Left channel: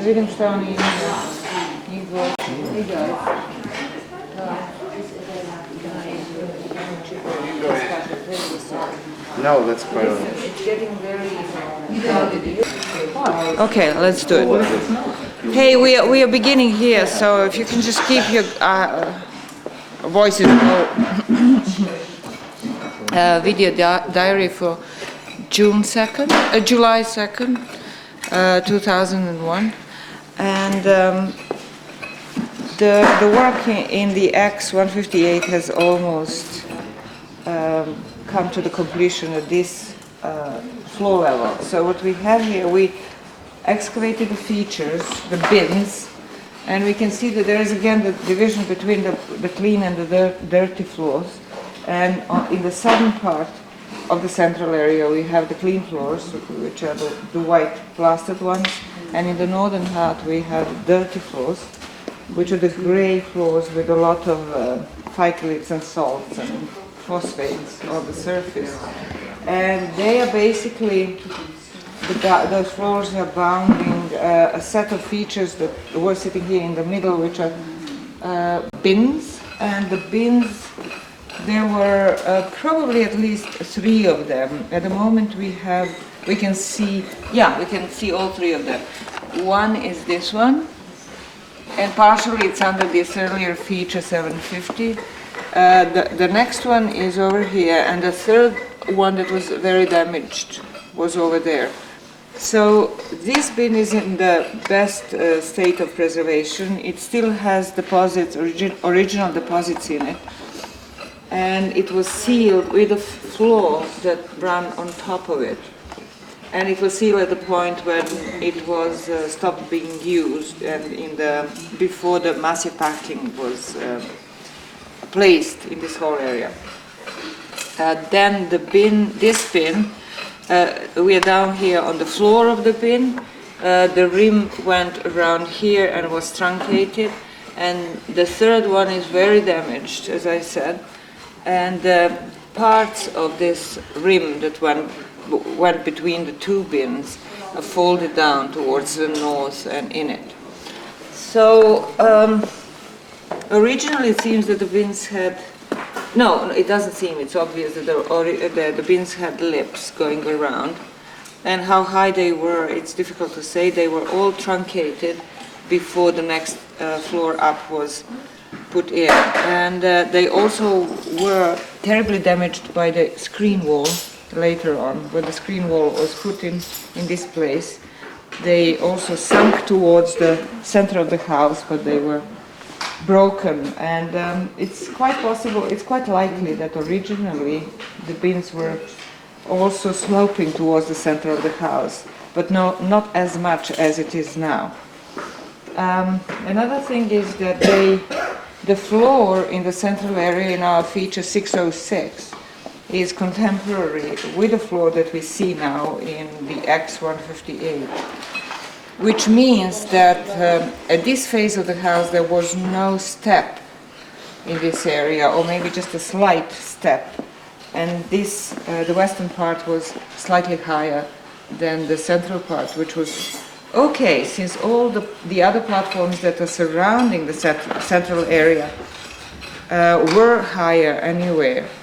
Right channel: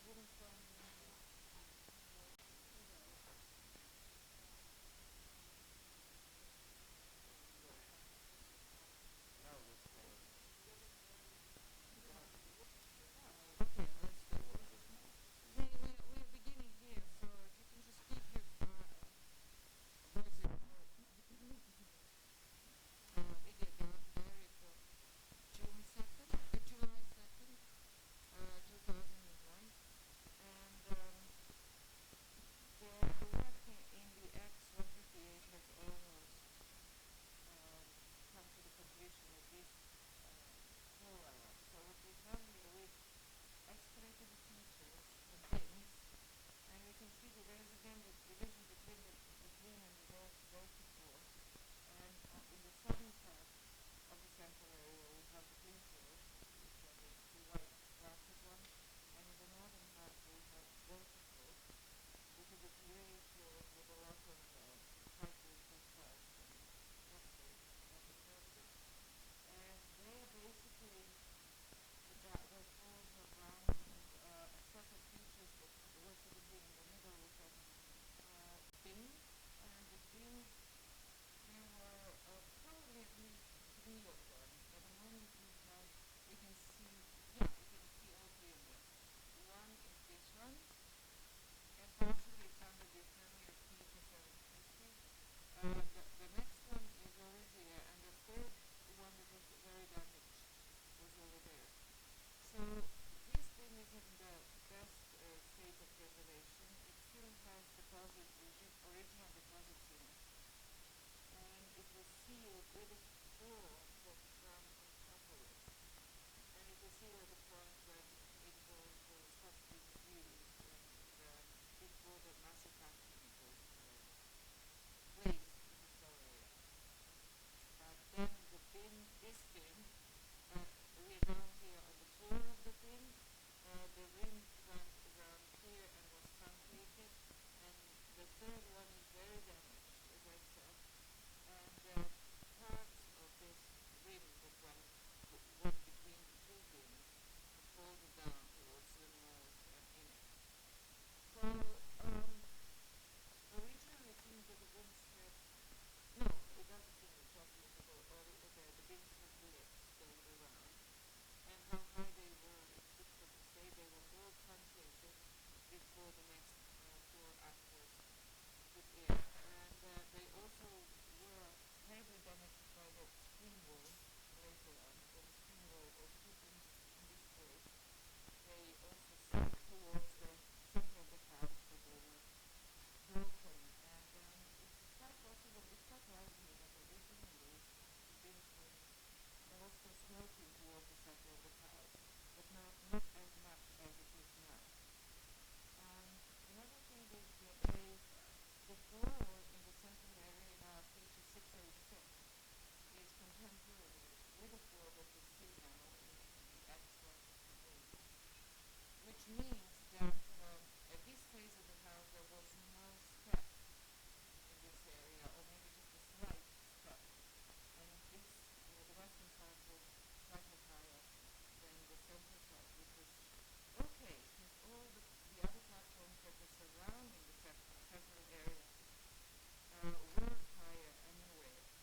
Vidim šta oni imaju. Njih dvoje. No, that's quite all right. It's getting very okay, let's do it. Hey, we are beginning here, so if you can just keep your voices low. Video diary for July 2nd, 2001, and the work in the X158 has almost come to the completion at this floor level. So what we have here, we excavated the features, the bins, and we can see that there is again the division between the clean and the dirty floors. And in the southern part of the central area we have the clean floors, which are the white plastered ones, and in the northern part we have dirty floors, which are the gray floors with a lot of phycolates and salts and phosphates on the surface. And they are basically, those floors are bounding a set of features that were sitting here in the middle, which are bins, and the bins, there were probably at least 3 of them. At the moment we can see all 3 of them. One is this one, and partially it's under this earlier feature 750. The next one is over here, and the third one that was very damaged was over there. So this bin is in the best state of preservation. It still has deposits, original deposits in it. And it was sealed with a floor that ran on top of it. And it was sealed at the point when it was stopped being used, and before the massive packing was placed in this whole area. Then this bin, we are down here on the floor of the bin. The rim went around here and was truncated. And the third one is very damaged, as I said. And parts of this rim that went between the 2 bins are folded down towards the north and in it. So originally it seems that the bins had, no, it doesn't seem, it's obvious that the bins had lips going around. And how high they were, it's difficult to say. They were all truncated before the next floor up was put in, and they also were terribly damaged by the screen wall later on. When the screen wall was put in this place, they also sunk towards the center of the house, but they were broken. And it's quite possible, it's quite likely that originally the bins were also sloping towards the center of the house, but not as much as it is now. Another thing is that the floor in the central area in our feature 606 is contemporary with the floor that we see now in the X158, which means that at this phase of the house there was no step in this area, or maybe just a slight step, and this the western part was slightly higher than the central part, which was okay, since all the other platforms that are surrounding the central area were higher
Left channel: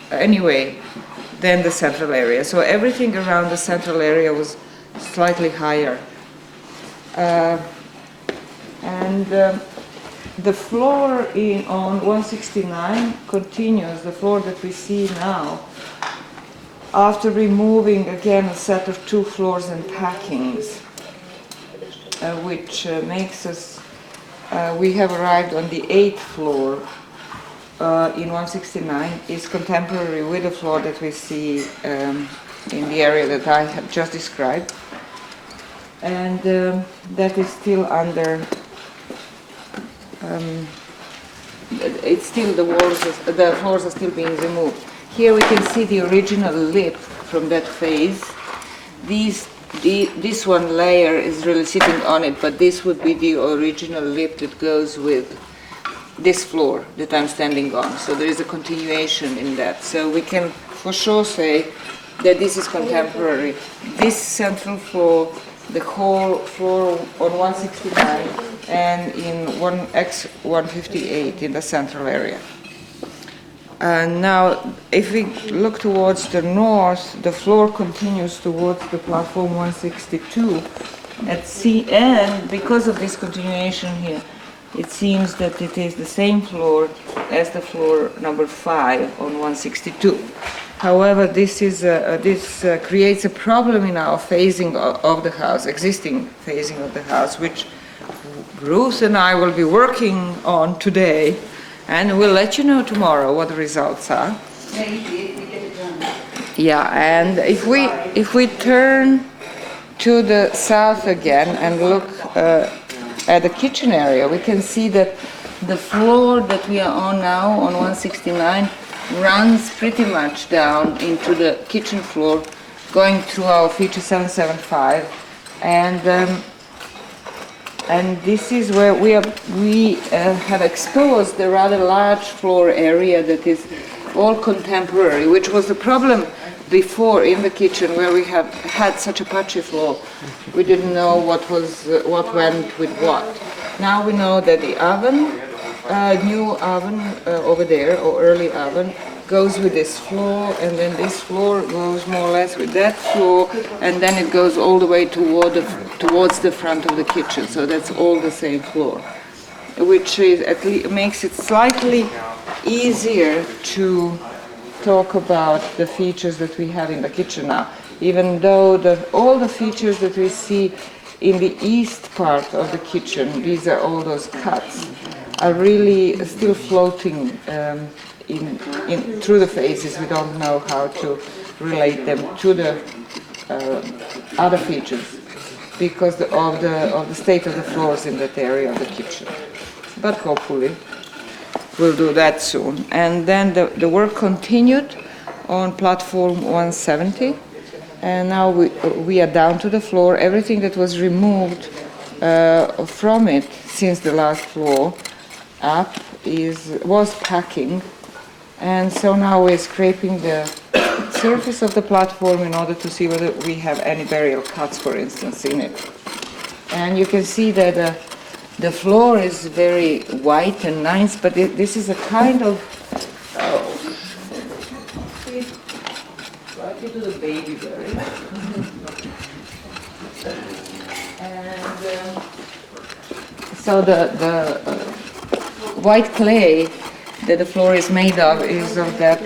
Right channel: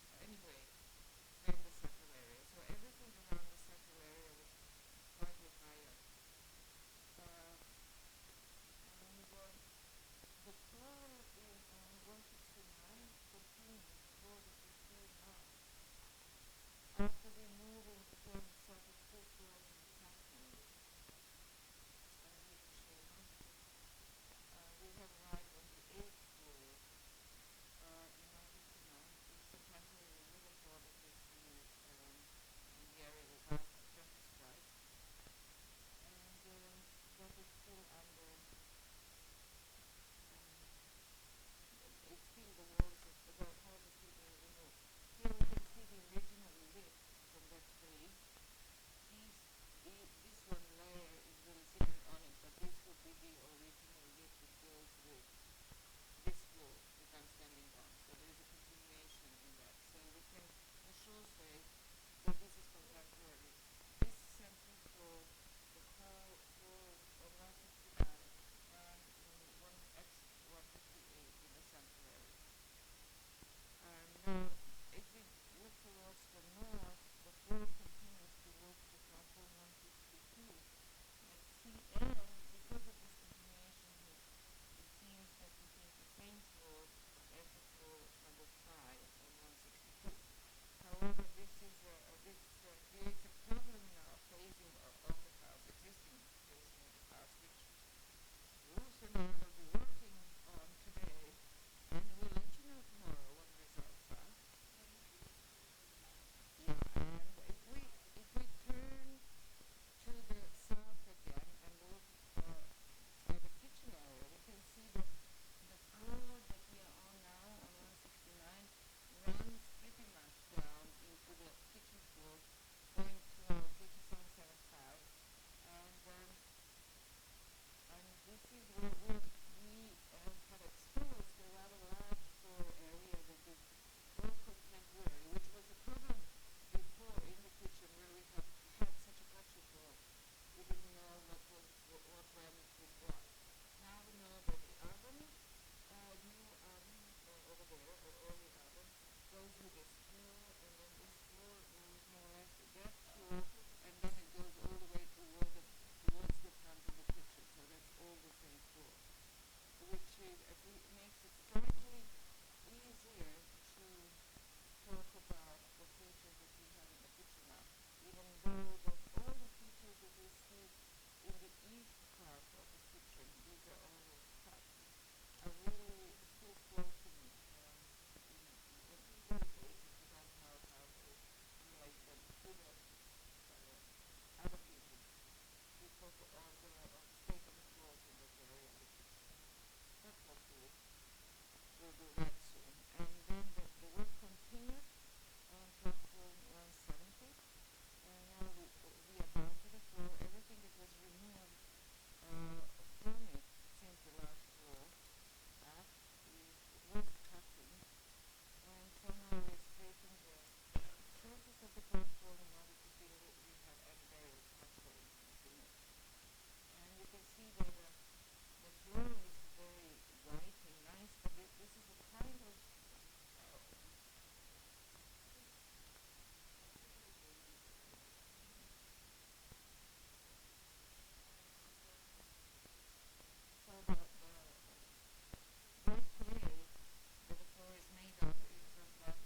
anyway than the central area. So everything around the central area was slightly higher. The floor on 169 continues, the floor that we see now, after removing again a set of 2 floors and packings. Which makes us, we have arrived on the 8th floor in 169, is contemporary with the floor that we see in the area that I have just described. And that is still under, it's still, the floors are still being removed. Here we can see the original lip from that phase. This one layer is really sitting on it, but this would be the original lip that goes with this floor that I'm standing on. So there is a continuation in that. So we can for sure say that this is contemporary. This central floor the whole floor on 169 and in 1X158 in the central area. And now, if we look towards the north, the floor continues towards the platform 162 at C, and because of this continuation here, it seems that it is the same floor as the floor number 5 on 162. However, this creates a problem in our phasing of the house, existing phasing of the house, which Ruth and I will be working on today, and we'll let you know tomorrow what the results are. Yeah, we get it done. Yeah, and if we turn to the south again and look at the kitchen area, we can see that the floor that we are on now on 169 runs pretty much down into the kitchen floor, going through our feature 775, and this is where we have exposed the rather large floor area that is all contemporary, which was the problem before in the kitchen, where we have had such a patchy floor. We didn't know what went with what. Now we know that the oven, new oven over there, or early oven, goes with this floor, and then this floor goes more or less with that floor, and then it goes all the way towards the front of the kitchen. So that's all the same floor, which is at least makes it slightly easier to talk about the features that we have in the kitchen now, even though all the features that we see in the east part of the kitchen, these are all those cuts, are really still floating through the phases. We don't know how to relate them to the other features because of the state of the floors in that area of the kitchen. But hopefully we'll do that soon. And then the work continued on platform 170, and now we are down to the floor. Everything that was removed from it since the last floor up was packing, and so now we're scraping the surface of the platform in order to see whether we have any burial cuts, for instance, in it. And you can see that the floor is very white and nice, but this is a kind of right into the baby berry. And so the white clay that the floor is made of is of that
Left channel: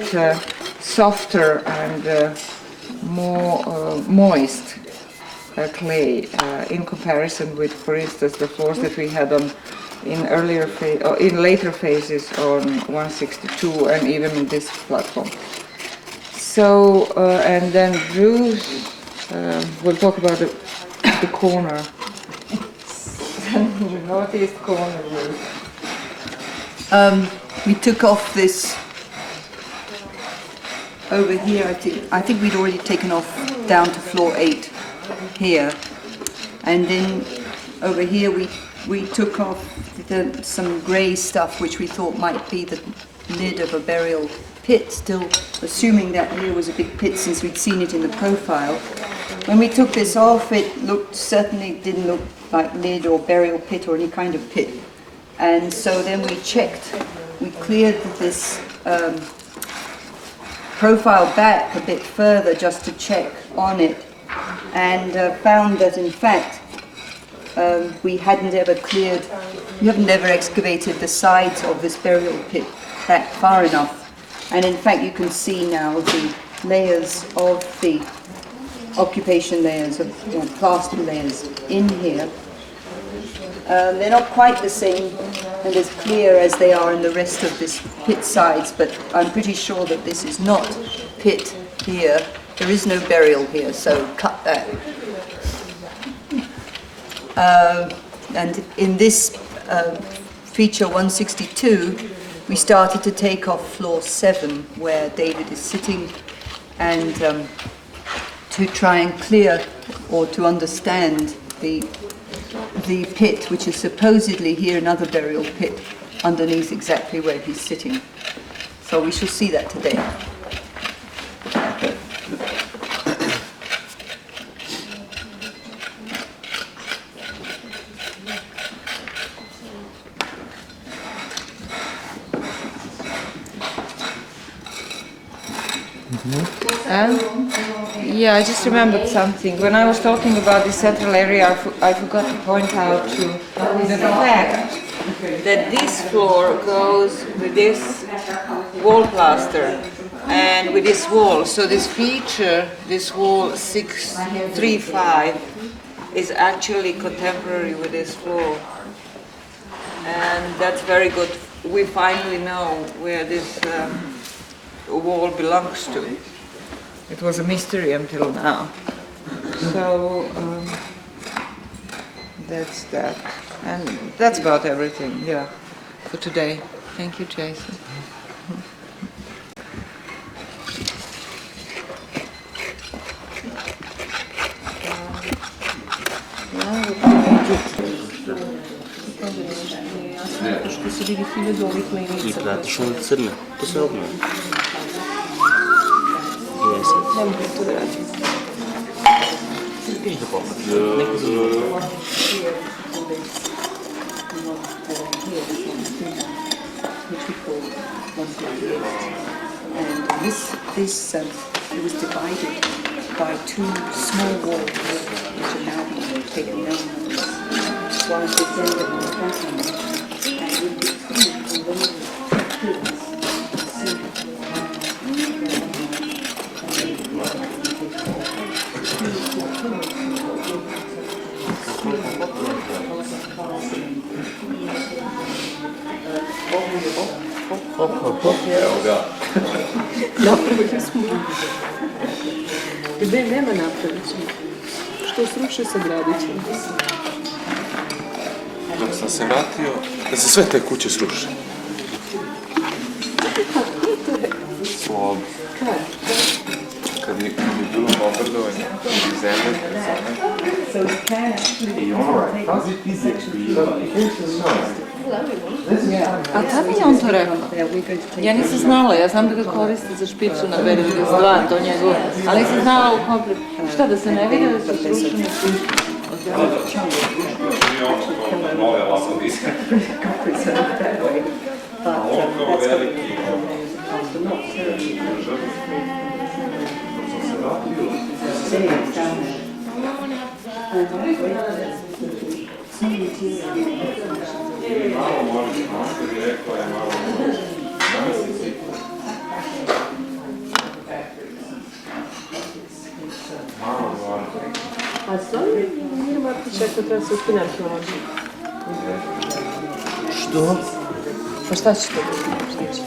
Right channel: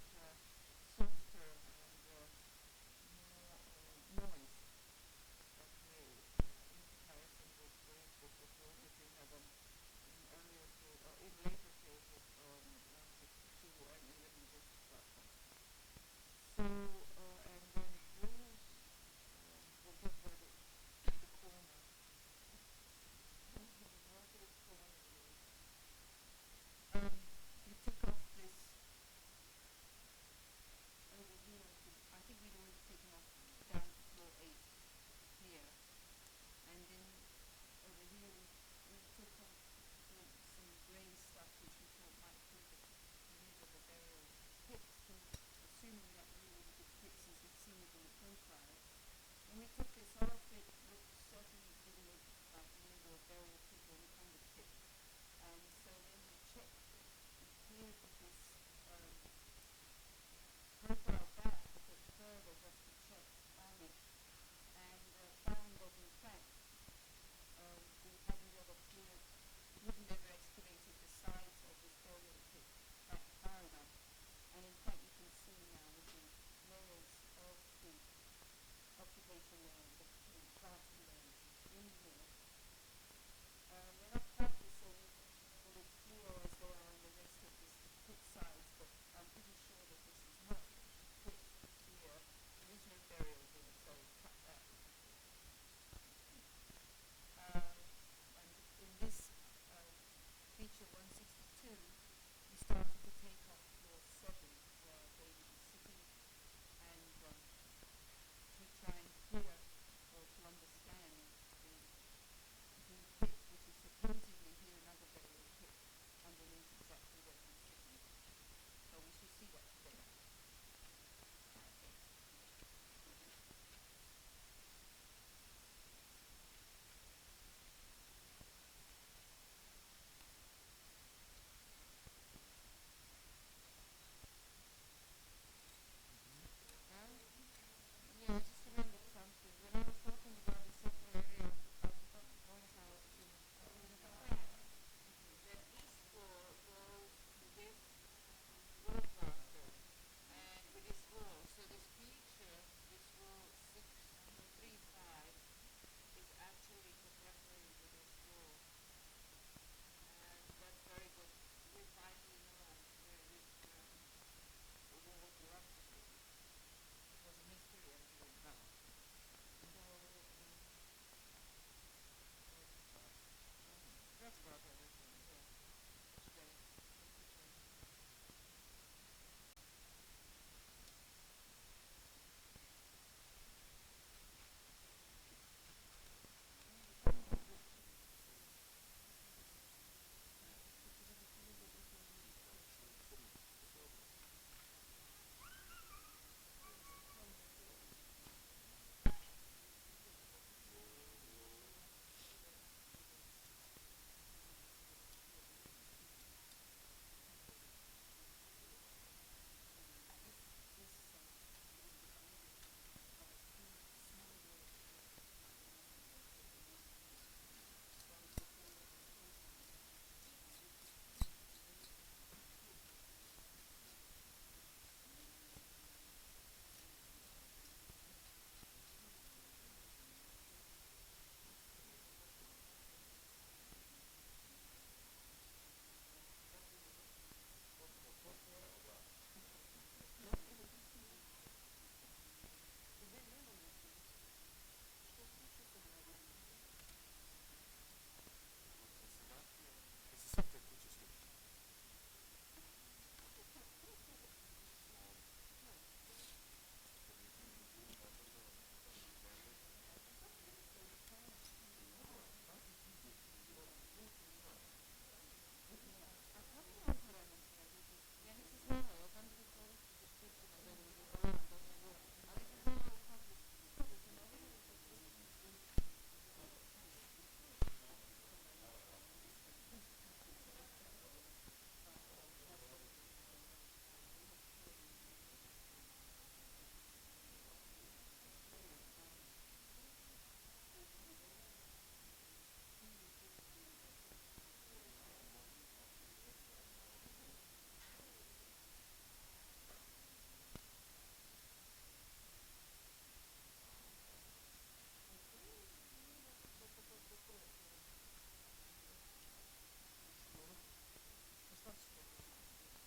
softer and more moist clay in comparison with, for instance, the floors that we had in later phases on 162 and even in this platform. So and then Bruce will talk about the corner, the northeast corner. We took off this over here. I think we'd already taken off down to floor 8 here, and then over here we took off some grey stuff which we thought might be the lid of a burial pit, still assuming that here was a big pit since we'd seen it in the profile. When we took this off, it certainly didn't look like lid or burial pit or any kind of pit. And so then we cleared this profile back a bit further just to check on it, and found that in fact we haven't ever excavated the sides of this burial pit back far enough. And in fact you can see now the layers of the occupation layers, of plaster layers in here. They're not quite the same and as clear as they are in the rest of this pit sides, but I'm pretty sure that this is not pit here. There is no burial here, so cut that. And in this feature 162, we started to take off floor 7, where David is sitting, and to try and clear or to understand the pit, which is supposedly here another burial pit underneath exactly where he's sitting. So we shall see that today. And yeah, I just remembered something. When I was talking about the central area, I forgot to point out to the fact that this floor goes with this wall plaster and with this wall. So this feature, this wall 635, is actually contemporary with this floor. And that's very good. We finally know where this wall belongs to. It was a mystery until now. So that's that. And that's about everything, yeah, for today. Thank you, Jason. Što se vidi 1000 ovih linica. I platiš on crne, to se obnovi. Jesi. Ne mogu to da radim. Ideš da poklat, neko zanimljivo. And this it was divided by two small walls, which are now being taken down. One at this end and one at that end. And in between the walls, Evo ga. Napravili smo. Gde nema napravit ćemo. Što sruše sagradit ćemo. Dok sam se vratio, da se sve te kuće sruše. Slob. Kad je bilo bombardovanje i zemlje, A kako je on to rekao? Ja nisam znala, ja znam da ga koriste za špicu na B92, to njegovo, ali nisam znala u komplet. Šta, da se ne vidi da se srušene kuće? A stvarno Mir Martić rekao treba se ukine arheologija. Što? Pa šta će to biti?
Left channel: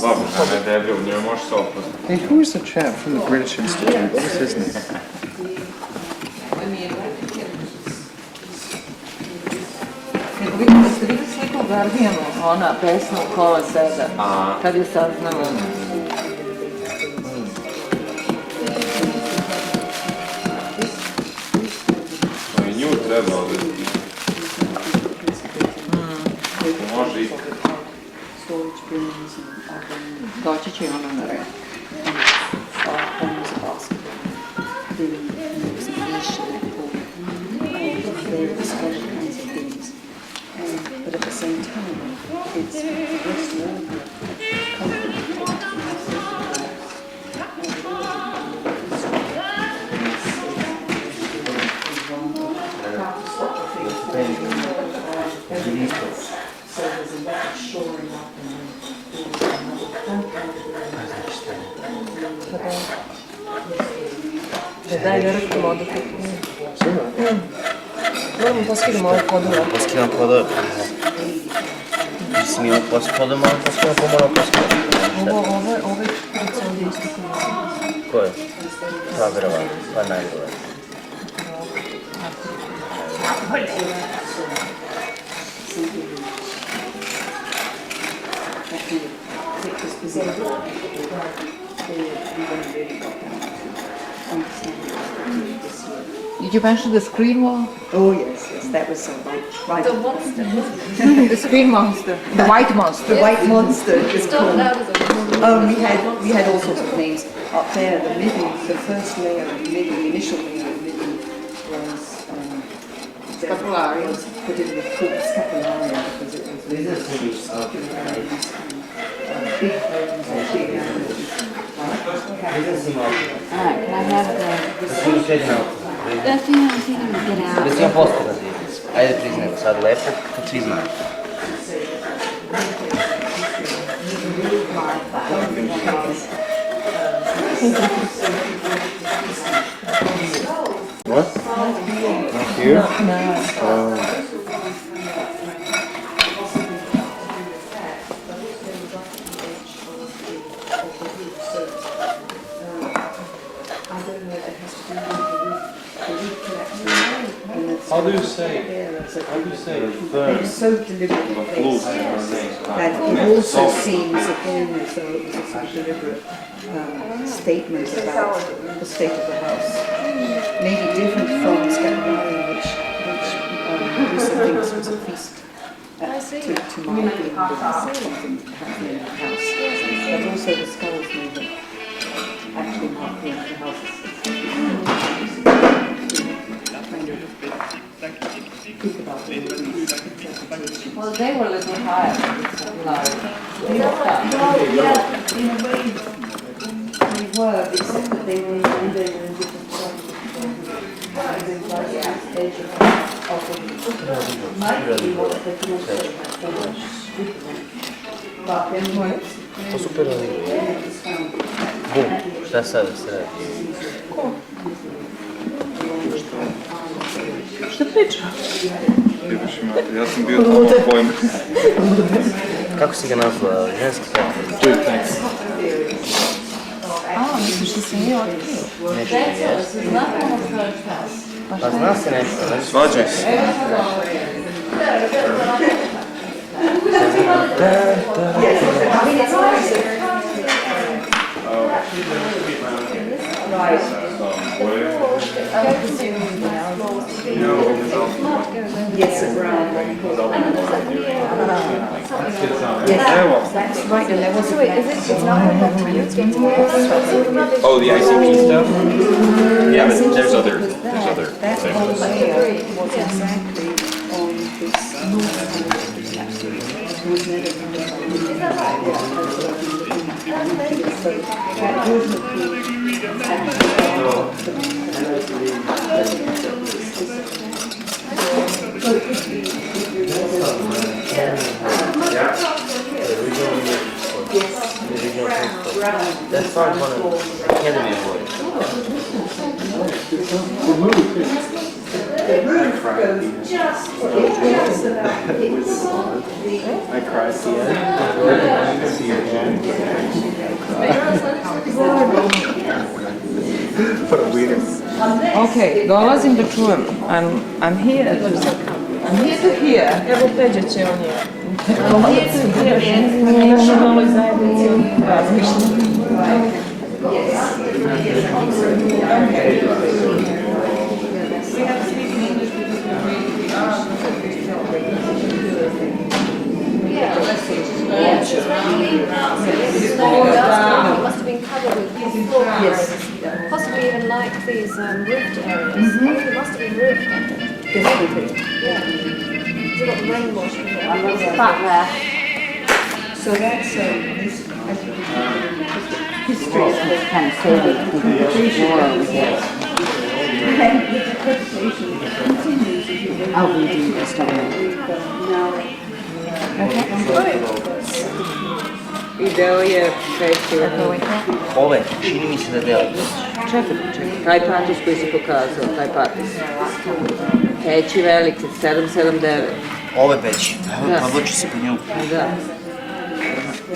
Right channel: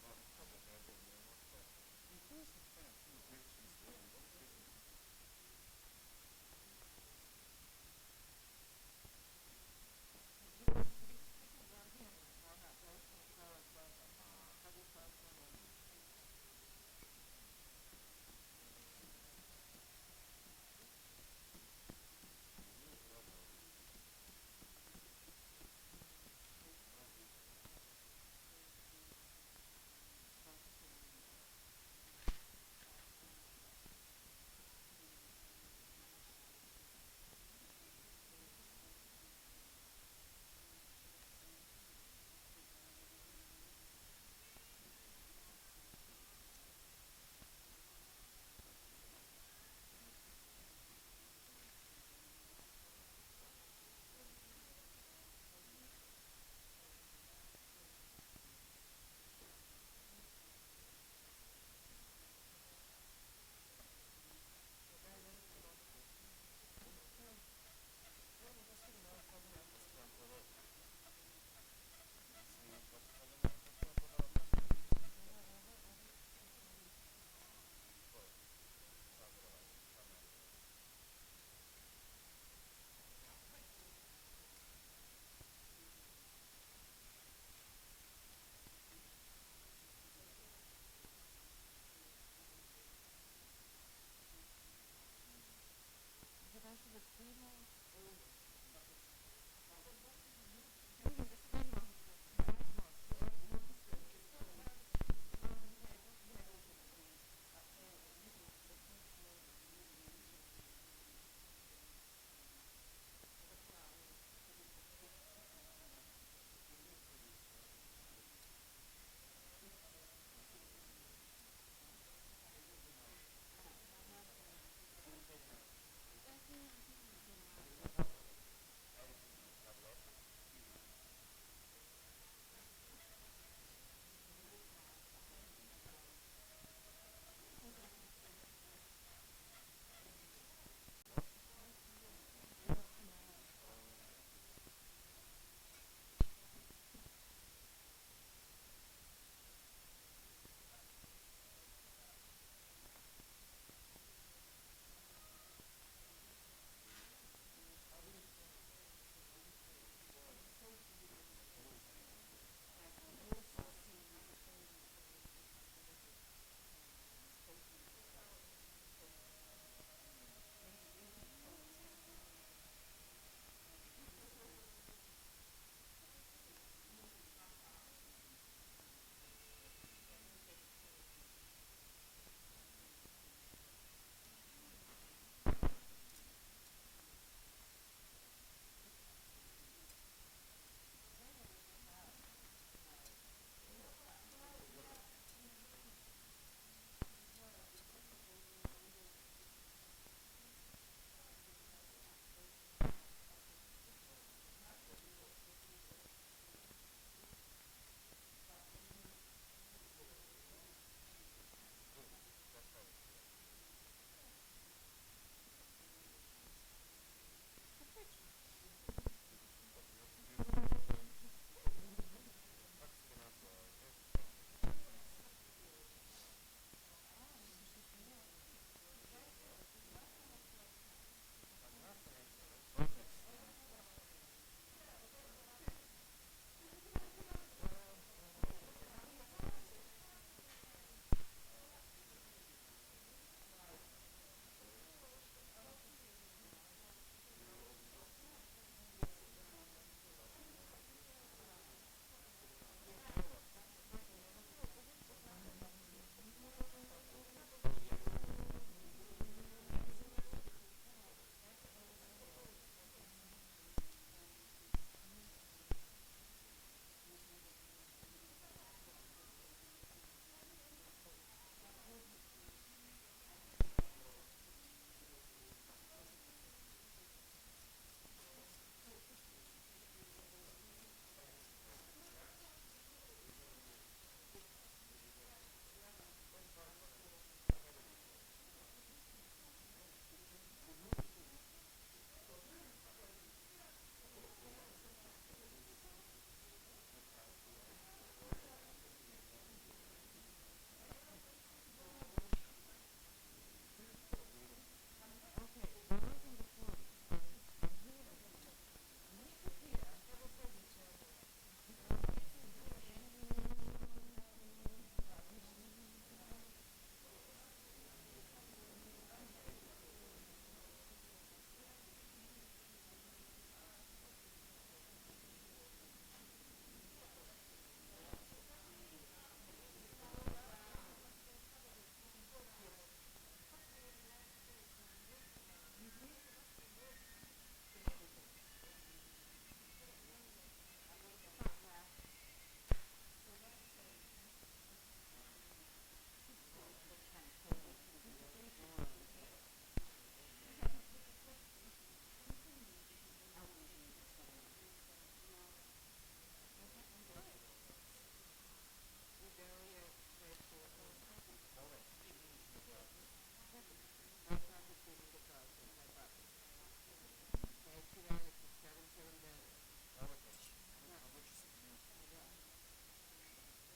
dobro, ne deblje, u njoj možeš se opoznati. Hey, who is the chap from the British Institute? What was his name? Ste vidjeli sliku u Guardianu, ona pesma u kola sebe, kad je saznala? No i nju treba odvesti. Može i Doći će i ona na red. but at the same time, it's West Daj, ne rekamo odakle. Moramo poskidamo ove podove. Poskidam podove. Mislim, imamo podove, malo poskidamo, pa moramo poskidamo. Ovo je kudica ovdje isto koji. Ko je? Pa, verovatno, pa najbolje. Did you mention the screen wall? Oh yes, that was right. The monster. The screen monster, the white monster. The white monster is Started called. out as a monster. We had all sorts of names up there. The middle, the first layer of middle, the initial layer of middle was Scapularia. put in the full scapularia because it was really big bones and big animals, Can I have the... Da ti imam get out. Da si imam posto razvijen. Ajde priznaj sad lepo, kad svi znaju. What? Not here? No. How do you say? It's so deliberately placed that it also seems again as though it was a sort of deliberate statement about the state of the house. Maybe different from Scandinavia, which Lisa thinks was a feast to mark the end of something happening in the house. But also the skulls maybe actually mark the end of the house. Well, they were a little higher. In a way, they were, except that they were in different places. To super radi. Bum, šta sad se radi? Šta priča? Ja sam bio tamo pojma. Kako si ga nazvala? Ženski pet? Tu je tanks. Misliš da se nije otkrio? Pa zna se nešto, ne? Svađaj se. Yes, around. Evo. That's right, and there was a It's not going back to you, it's getting to you. Oh, the ICP stuff? Yeah, but there's other that things. whole layer was exactly on this north side of the statue. It was never so that wouldn't That's part of one of the Academy Awards. I cried at the end. See your hand. What a weird. Okay, dolazim da čujem. I'm here to hear. Evo Peđa će on je. I'm here to hear. Naša maloj zajednici razmišlja. It must have been covered with floor areas. Possibly even like these roofed areas. It must have been roofed, I think. Yeah. It's got rainwash from there. Back there. So that's this history of the Kind of faded because the floor over here. interpretation continues if you look I'll redo this, don't I? now. Ideo je peći. Ove, čini mi se da deli. Čekaj, taj patus koji si pokazao, taj patus. Peći veliki, 779. Ove peći. Da. Pa voću se po nju. Da.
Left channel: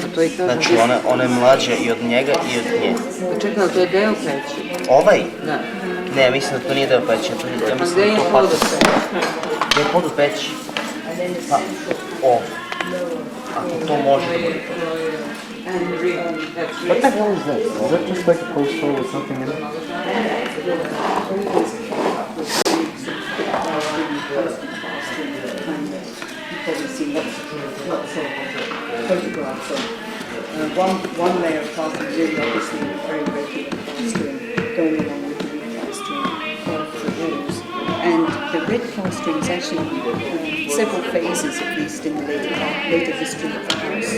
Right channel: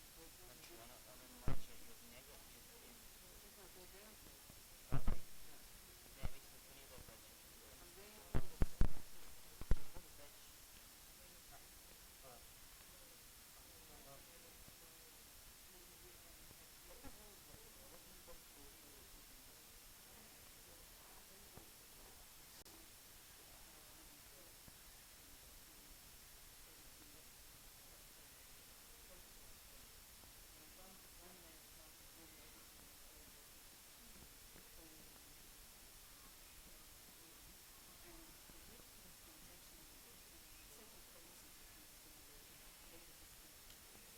A to i kažem. Znači ona je mlađa i od njega i od nje. Čekaj, ali to je deo peći. Ovaj? Da. Ne, mislim da to nije deo peći. Ja Pa mislim gde da je je to pod patus. Gde je pod u peći? Pa, ovo. Ako to može da bude to. What the hell is that? Is that just like a post hole with something in it? You've probably seen lots of photographs of one layer of plastering really obviously very regular plastering going along with the replastering of the walls. And the red plastering is actually several phases, at least in the later history of the house.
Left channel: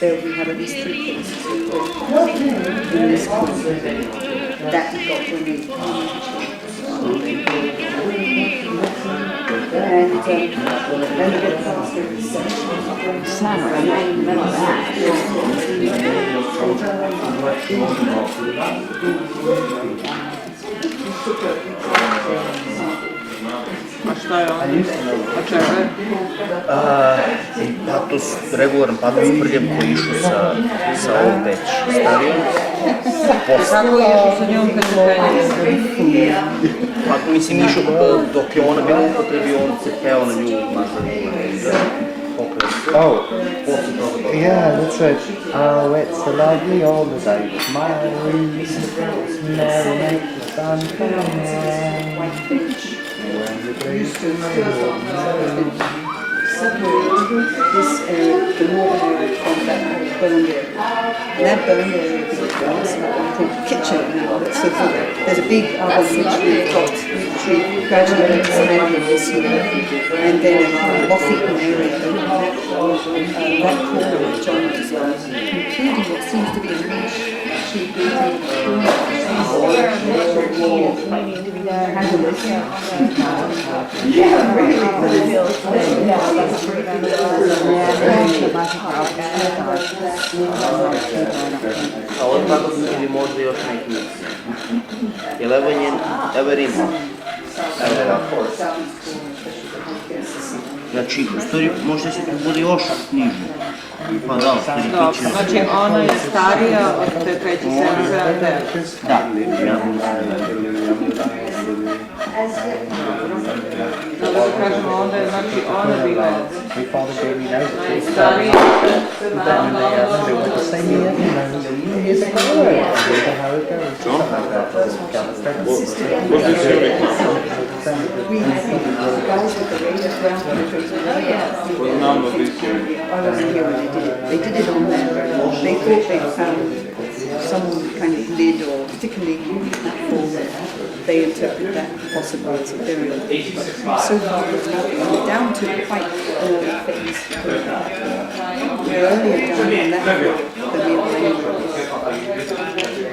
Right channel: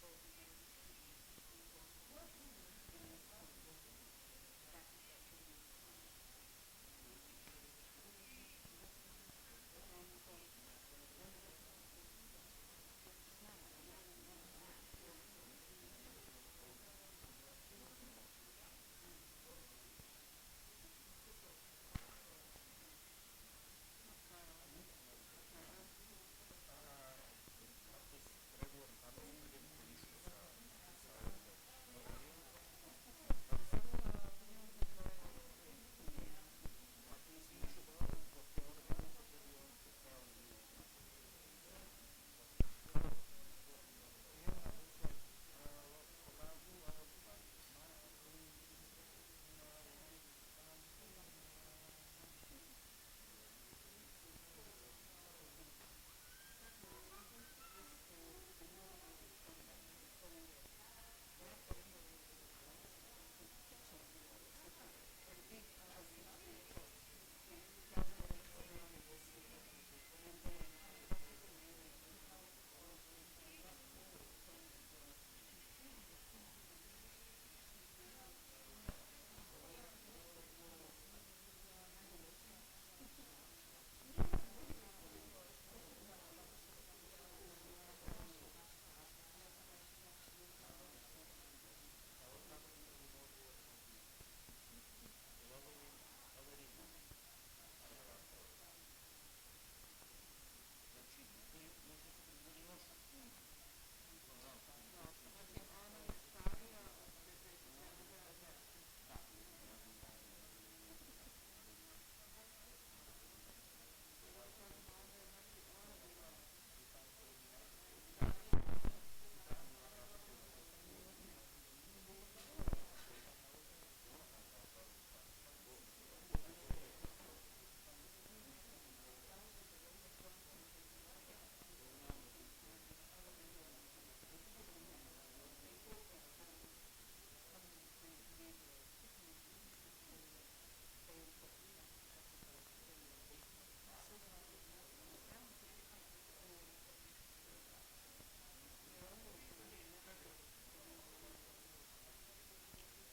There we have at least 3 phases in this point that got removed. And then we get plastering Summer, and right in the middle of that. A šta je on? A čega je? Patos, regularan patos prljav koji išao sa ovom već starijom. Kako je išao sa njom kad se penje? Pa mislim išao dok je ona bila upotrebi, on se peo na nju nazad. Oh, yeah, that's right. Oh, it's a lovely old day. My merry make the sun come out. When the breeze is this area, the northern area from that burned area. And that burned area is the kitchen now. So there's a big oven which we've gradually expanded this year. And then a moth-eaten area, that corner which John was on, including what seems to be a niche. A ovo tako ili možda još neki mix. Jer evo Rima. Evo ovako. Znači, u stvari možda se tu bude još niže. Pa da, u stvari ti će... Znači ona je starija od te 3, 7, 7, 9. Da, ja. Dobro da kažemo, onda je znači ona bila najstarija. They did it on there. They thought they found some kind of lid or particularly that form. They interpret that possibly as a burial. So far there's nothing down to quite early phase. We're earlier down on that than we are anywhere.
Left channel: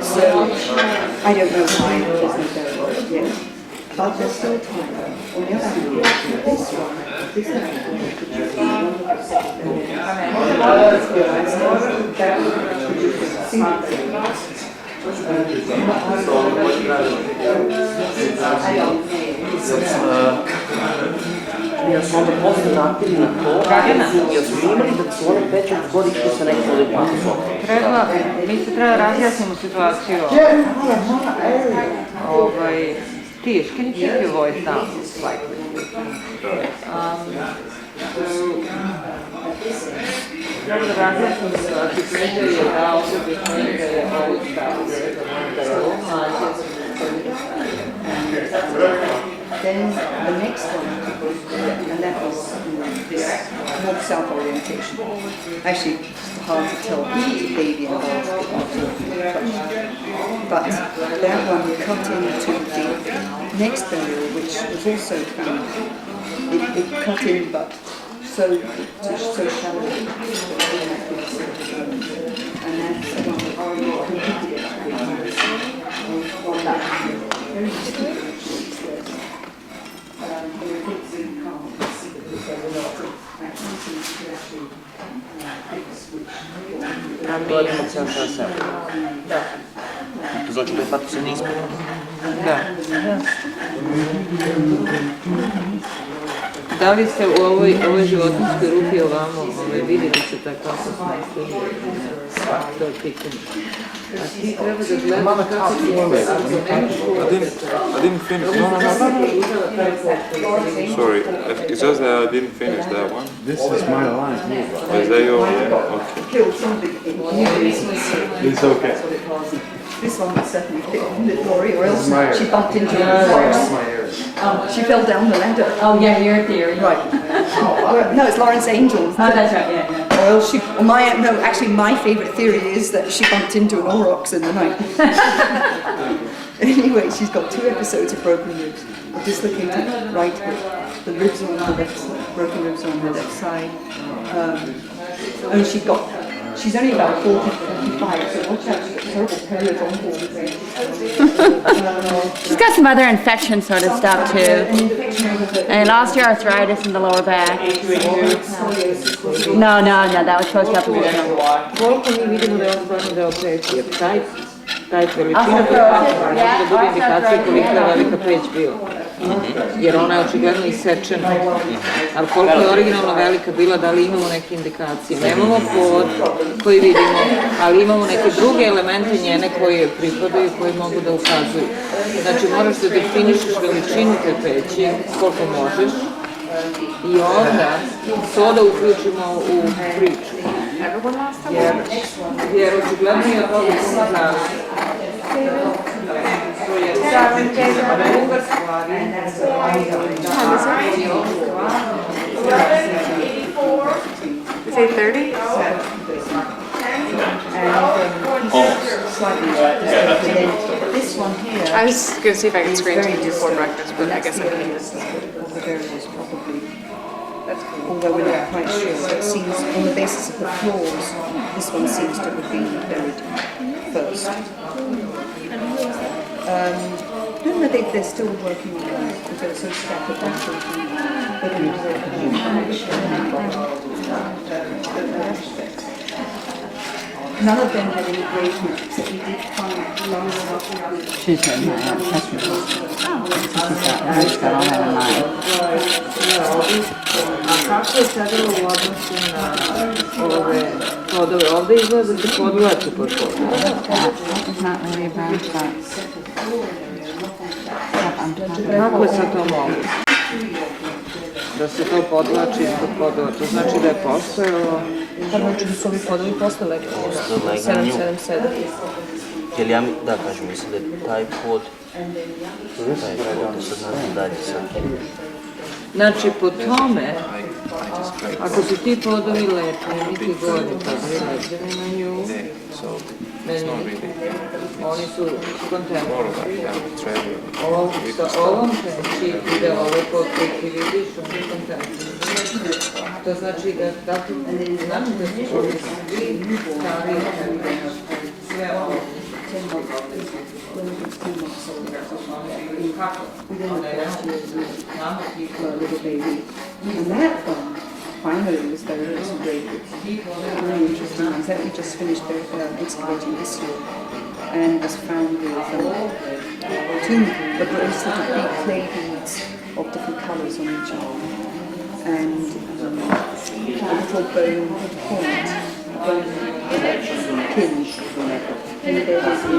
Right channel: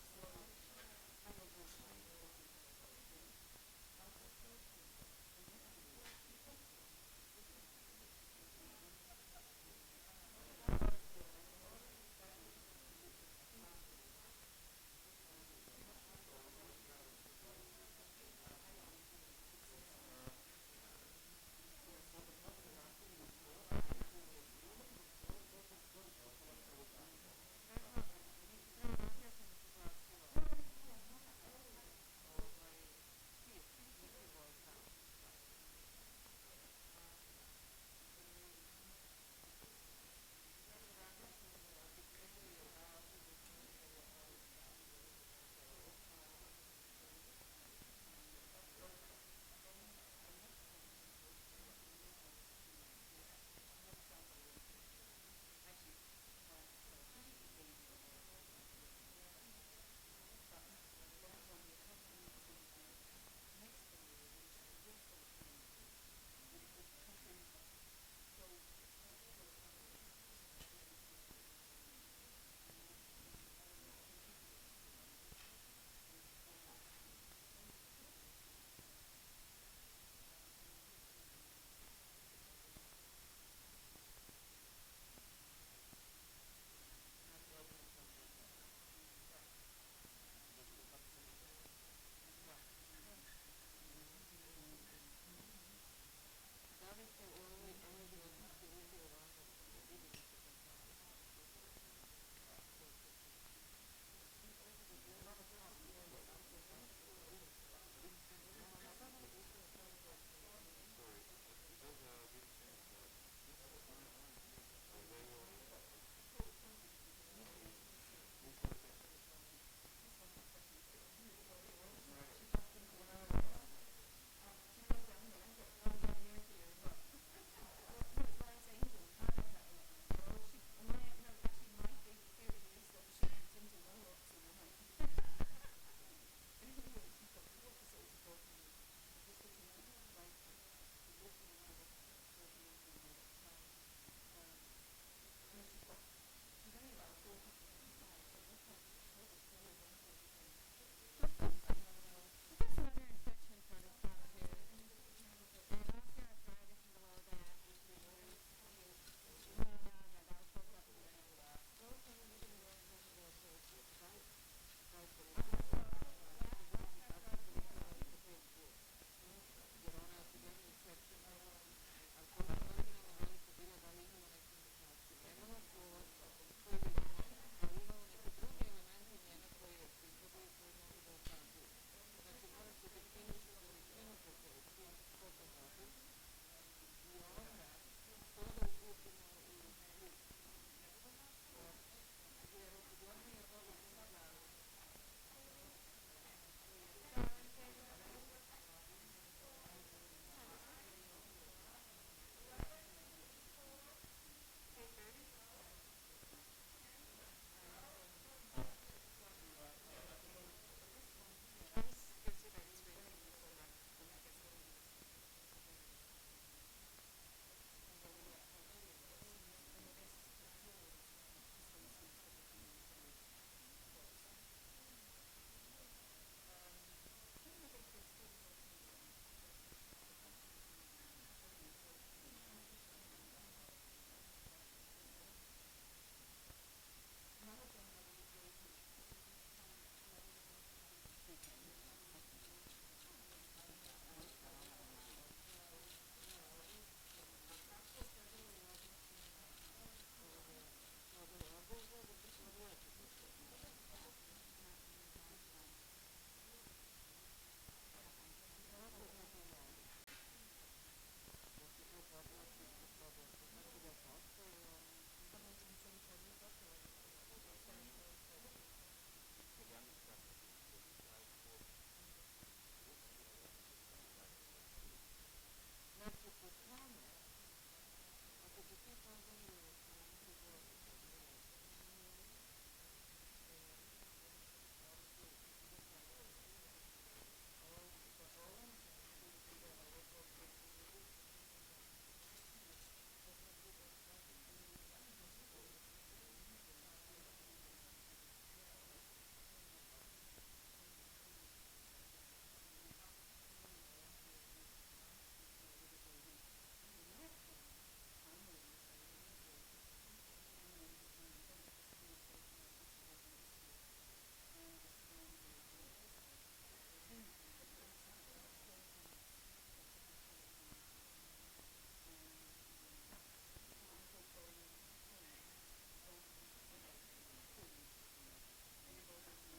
So I don't know why it isn't burial yet. But there's still time. On the other hand, this one, this one, Ja sam onda poslije napravili na to, jer smo imali da su one peče godište sa nekim ovdje patosom. Mi se treba razjasnimo situaciju. Tish, can you keep your voice down slightly? Treba da razjasnimo situaciju. Pređer je dao ovdje koji da je ovo stavio. Then the next one, and that was this north-south orientation. Actually, it's hard to tell the baby and basketball, but that one cut into the next burial, which was also found. It cut in, but so shallow. And that's the one that already completed it. Gledamo ceo sebe. To znači da je patos se ne ispuno. Da. Da li ste u ovoj životinskoj rupi ovamo vidjeli se tako kako smo ispunili? To je pitanje. A ti treba da gledaš kako ti je. I didn't finish. No. Sorry, it's just that I didn't finish that one. This is my line. Is that your line? Okay. It's okay. This one was certainly fit Lori, or else she bumped into her horse. She fell down the ladder. Oh yeah, your theory. Right. No, it's Lawrence Angel's. Oh, that's right, yeah. Or else actually my favourite theory is that she bumped into an aurochs in the night. Anyway, she's got 2 episodes of broken ribs. I'm just looking to right here. the ribs on the left side, broken ribs on her left side. And she's only about 40, 45, so watch out, she's got terrible period. She's got some other infection sort of stuff too. And lost your arthritis in the lower back. No, that was supposed to up again. Koliko mi vidimo da je on stvarno deo peć, jer taj veličina može da bude indikacija kolika je velika peć bila. Jer ona je očigledno isečena. Ali koliko je originalno velika bila, da li imamo neke indikacije? Nemamo pod koji vidimo, ali imamo neke druge elemente njene koje pripadaju i koje mogu da ukazuju. Znači moraš da definišeš veličinu te peći, koliko možeš, i onda to da uključimo u priču. Jer očigledno je od toga puno zavisi. Druga stvar Is it 30? This one here. I was going to see if I could screen to you before breakfast, but I guess I can't. Of the variables, probably. Although we're not quite sure, so it seems on the basis of the floors, this one seems to have been buried first. No, they're still working on it because they're so scattered None of them had any grave marks, except we did find last. She's written that out. That's really she's got all that in mind. A kako je sadalo u odnosu na ove podove? Ovdje izgleda da se podvlači pod podove. That is not really a brown spot. Kako je sad to moguće? Da se to podvlači ispod podova, to znači da je postojalo... Pa znači da su ovi podovi posle legli. 777. Jer ja da kažem, mislim da je taj pod, da sad ne znam dalje sad. Znači po tome, ako su ti podovi lepni, mi ti gori podovi lepni na nju, oni su kontemporarni. Sa ovom peći ide ovo pod koji ti vidiš, oni su kontemporarni. To znači da su ovi svi stavi sve ovo. And that one finally was very integrated. Very interesting ones that we just finished excavating this year, and was found with two sort of big clay beads of different colours on each arm, and a little bone point, hinge. And there was and then there's also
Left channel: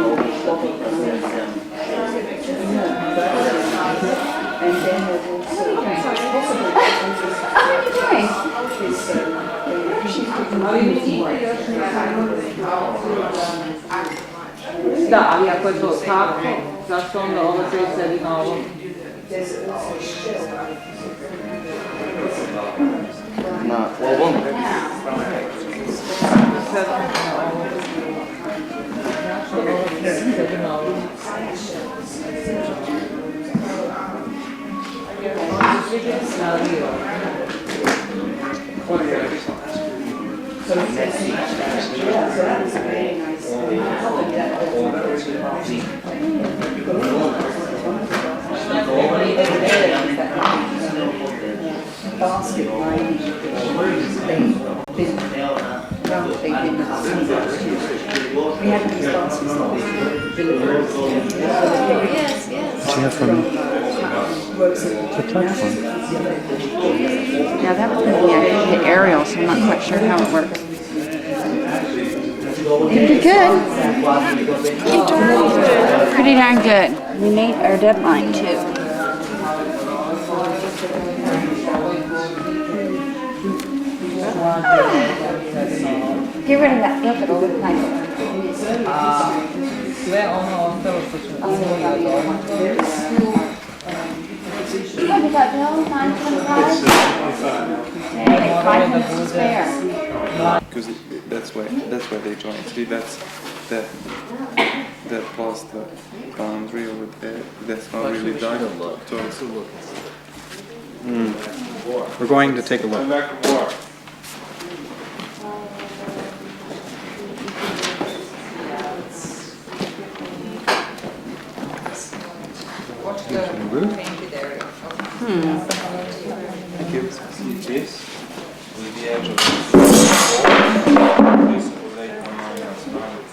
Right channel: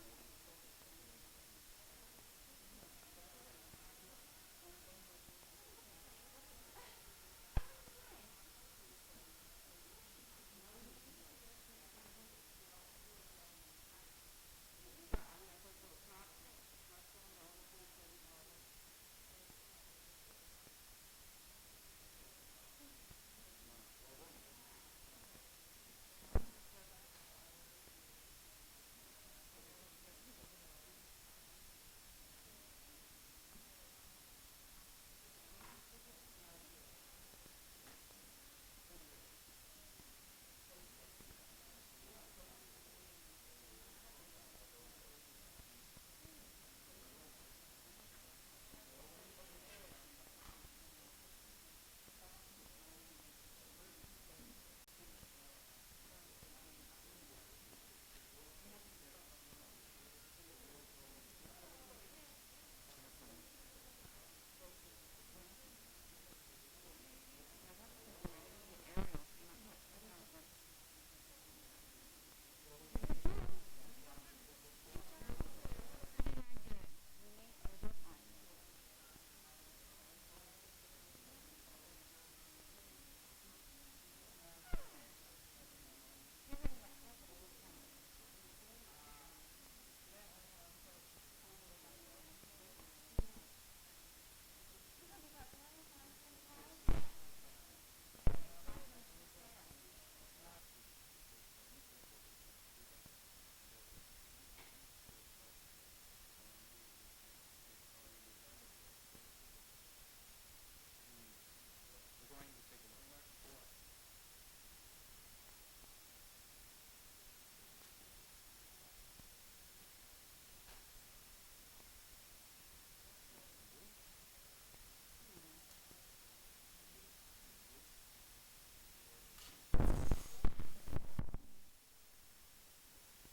Da, ali ako je to tako, zašto onda ovo će sedi na ovom? Na ovom? basket line, we had these baskets delivered. Yes, yes. Do you have from the platform? Yeah, that was going to be actually the aerial, so I'm not quite sure how it works. Pretty good. Pretty darn good. We made our deadline too. Get rid of that. Look at all the planks. Sve ono ostalo što smo imali od ovoga. Look at that bill, $9.25. Hey, 5 minutes to spare. Because that's where they join. See, that's that past the boundary over there. That's not really done. So We're going to take a look. Back to war. Watch the painted area. Thank you. This with the edge of the floor. This will lay on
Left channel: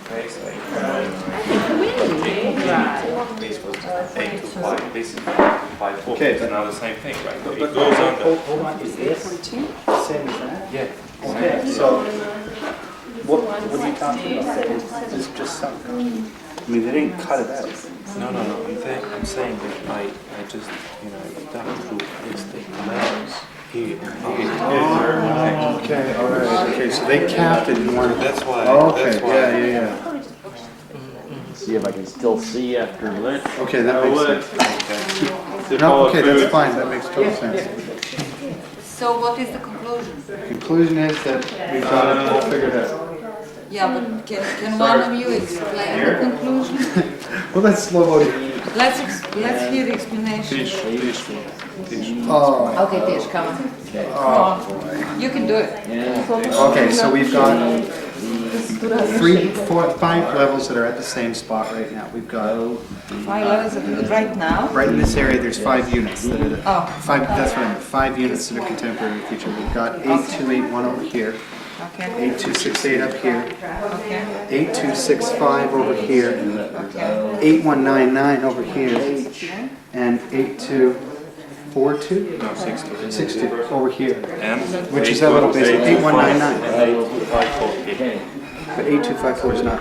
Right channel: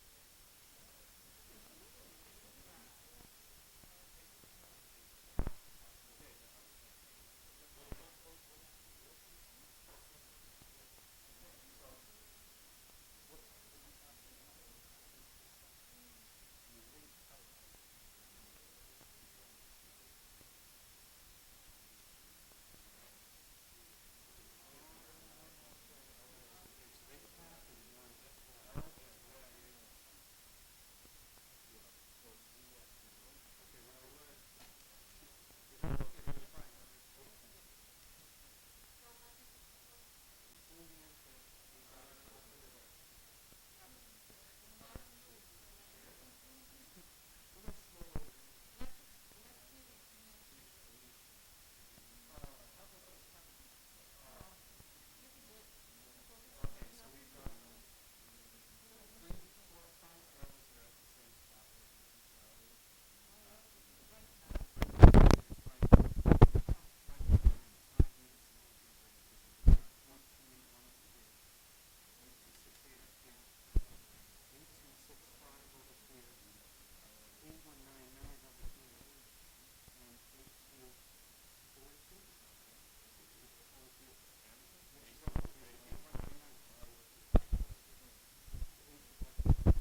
face This was 8 to 5. This is 5 4. Okay, It's but- now the same thing, right? It goes under. Hold on, is this same as that? Yeah. Okay, so what are you talking about? Is this just sunk? I mean, they didn't cut it out. No. I'm saying that I just, dug through this thing. Here. Okay, all right. Okay, so they capped it in one. That's why. Okay, That's why. yeah. See if I can still see after this. Okay, that makes sense. No, okay, that's fine. That makes total sense. So what is the conclusion? Conclusion is that we've got it all figured out. Yeah, but can one of you explain the conclusion? Well, that's slow voting. Let's hear the explanation. Oh, Okay, Tish, come on. oh You can do it. boy. Okay, so we've got 5 levels that are at the same spot right now. We've got 5 levels of it right now. right in this area. There's 5 units. That are Oh. 5. That's right. 5 units that are contemporary with each other. We've got 8281 over here. Okay. 8268 up here. Okay. 8265 over here. 8199 over here. And 8242? No, 60. 60 over here. And Which is that little basic 8199. 8254. But 8254 is not.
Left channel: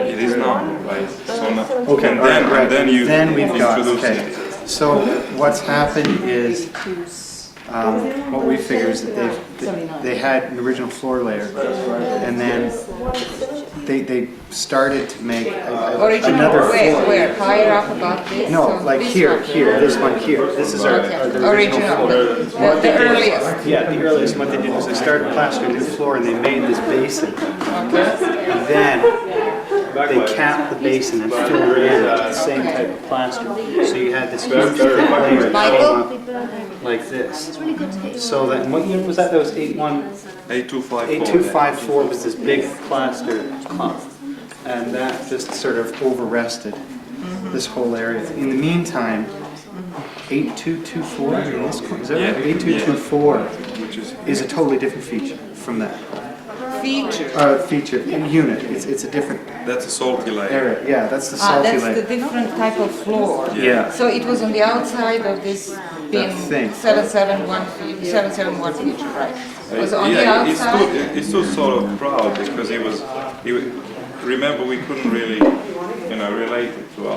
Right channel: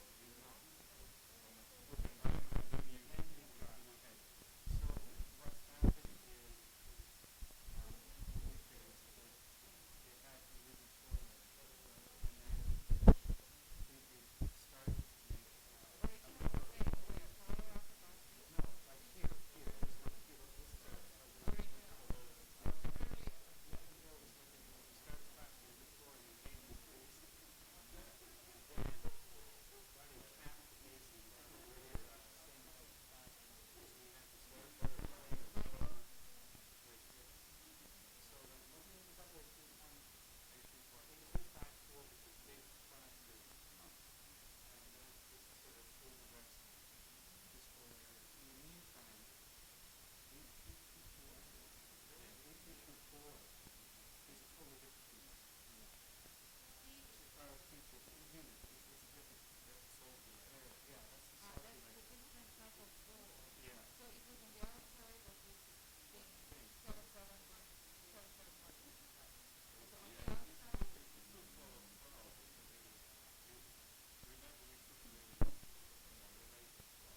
It is not, right? So now, Okay, and all right, right. then you Then we've got, introduce okay. it. So what's happened is, what we figure is that they had an original floor layer, and then they started to make Original, another where, floor. where? Higher up about this? No, or like this here, one? here, this one here. This is our the original floor. The earliest. Yeah, the earliest. What they did was they started plastering the floor and they made this basin. And then they capped the basin and filled it in with the same type of plaster. So you had this huge thick layer that came up like this. So that, and what unit was that? That was 8254. 8254 was this big plaster clump. And that just sort of over-rested this whole area. In the meantime, 8224 in this corner, is that right? 8224 is a totally different feature from that. Feature, in unit, it's a different That's a salty layer. area. Yeah, that's the salty That's the layer. different type of floor. Yeah. So it was on the outside of this bin thing. 771 feature, right? It was on the Yeah, outside. he stood sort of proud because remember we couldn't really, relate it to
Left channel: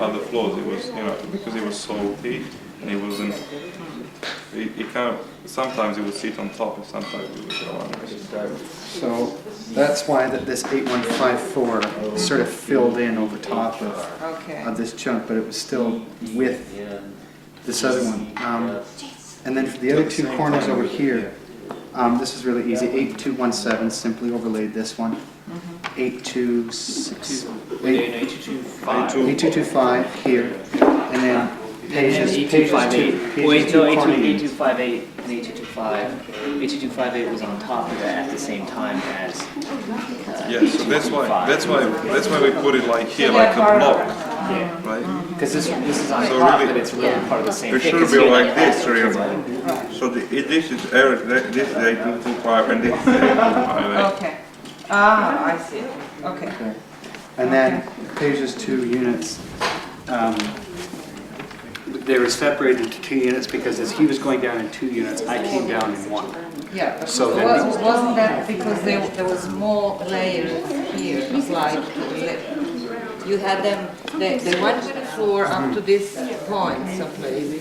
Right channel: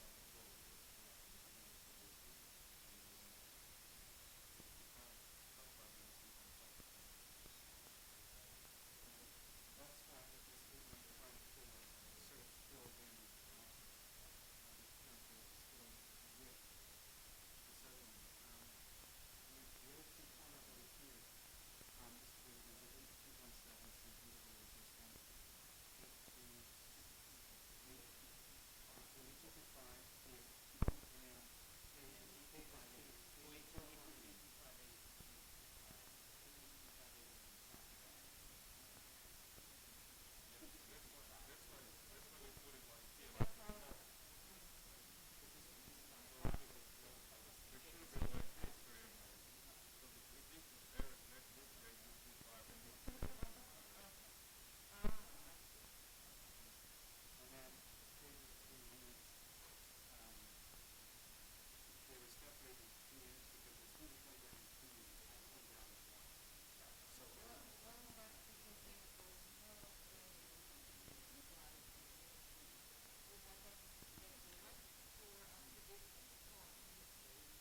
other floors. It was, because it was salty and it wasn't, it kind of, sometimes it would sit on top and sometimes it would go under. So that's why this 8154 sort of filled in over top of this chunk, but it was still with this other one. And then for the other 2 corners over here, this is really easy. 8217 simply overlaid this one. 8225 here, and then pages 2. Wait, no, 8258 and 8225. 8258 was on top of that at the same time as. Yeah, so that's why we put it like here, like a block, right? Because this is on So top, really- but it's really part of the same It thing. should 'cause be you're like not this, that really. right? So this is 8225 and this is 8258. Okay. Ah, I see. Okay. And then pages 2 units, they were separated into 2 units because as he was going down in 2 units, I came down in 1. Yeah, but So then wasn't that because there was more layers here? It was like you had them. They went to the floor up to this point someplace.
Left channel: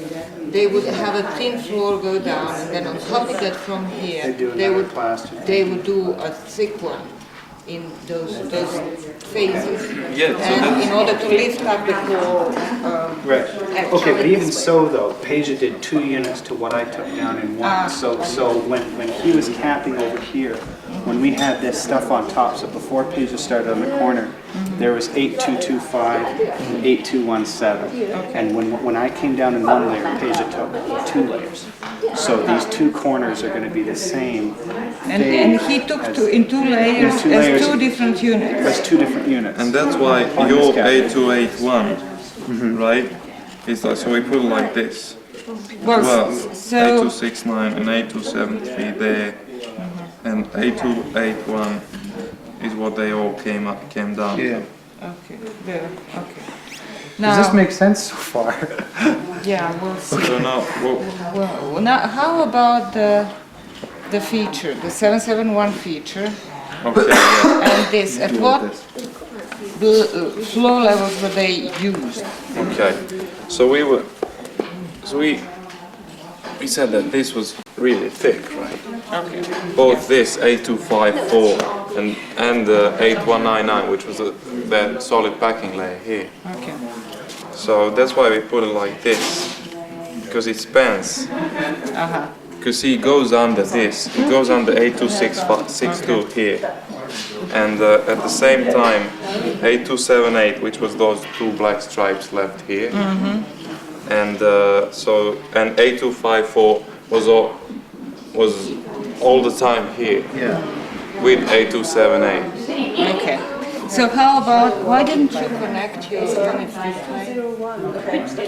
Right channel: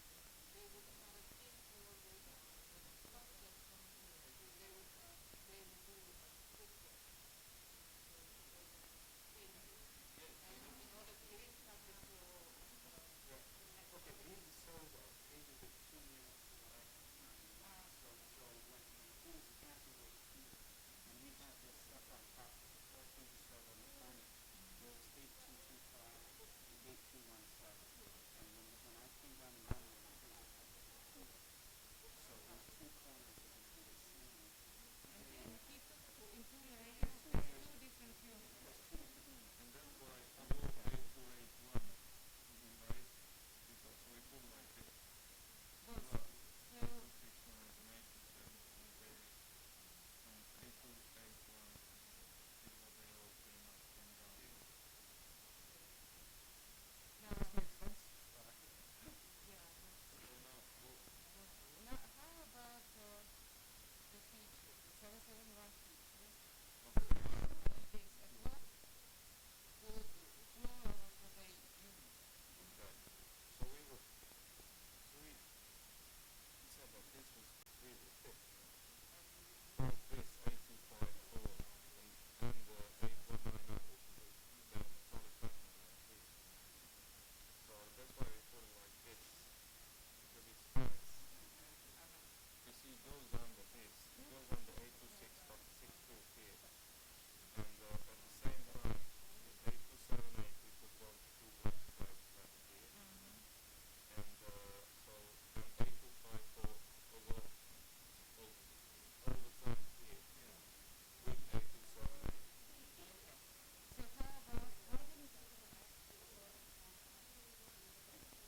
They would have a thin floor go down, and then on top of that from here, They do they another would plaster. they would do a thick one. in those phases. Yeah, so And in order to lift up the floor, Right. actually Okay, but even this way. so though, Peja did 2 units to what I took down in 1. So when he was camping over here, when we had this stuff on top, so before Peja started on the corner, there was 8225, 8217. And when I came down in 1 layer, Peja took 2 layers. So these 2 corners are going to be the same. And he took in 2 layers two layers. as 2 different units. That's 2 different units. And that's why On your this guy. 8281, right? Is like, so we put it like this. Well, so 8269 and 8273 there, and 8281 is what they all came down. Yeah. okay, there, okay. Does this make sense so far? Yeah, we'll see. So now, Well, now how about the feature, the 771 feature, okay, yeah. and this? At what floor levels were they used? Okay, so we said that this was really thick, right? Okay. Both this 8254 and the 8199, which was that solid packing layer here. Okay. So that's why we put it like this, because it spans. Uh-huh. Because he goes under this, it goes under 8262 here, and at the same time 8278, which was those 2 black stripes left here, and and 8254 was all the time here, Yeah. with 8278. Okay. So how about, why didn't you connect your units this way?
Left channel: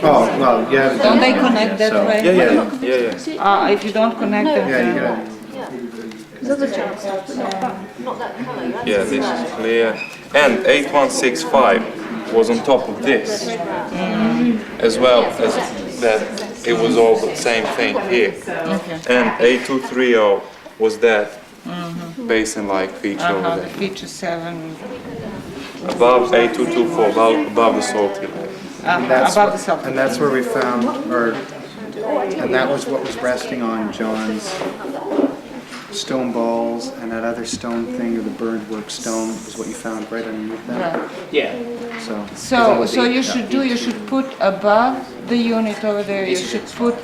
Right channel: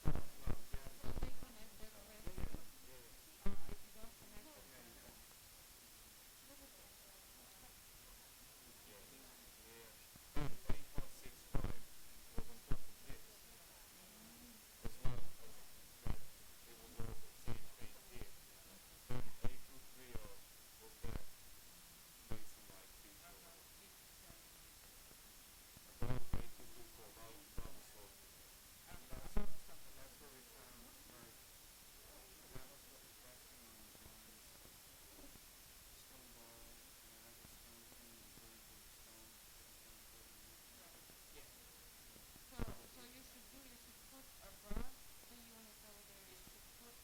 Oh, well, yeah. Don't they connect that way? Yeah. If you don't connect them, Yeah, you then... got it. There's other chunks, but not that colour. Right? Yeah, this is clear. And 8165 was on top of this, as well as that it was all the same thing here. And 8230 was that basin-like feature over The there. feature 7, Above 8224, above the salty layer. above the salt. And that's where we found, and that was what was resting on John's stone balls, and that other stone thing, or the burned work stone, is what you found right underneath that. Right. Yeah. So you should put above the unit over there, you should put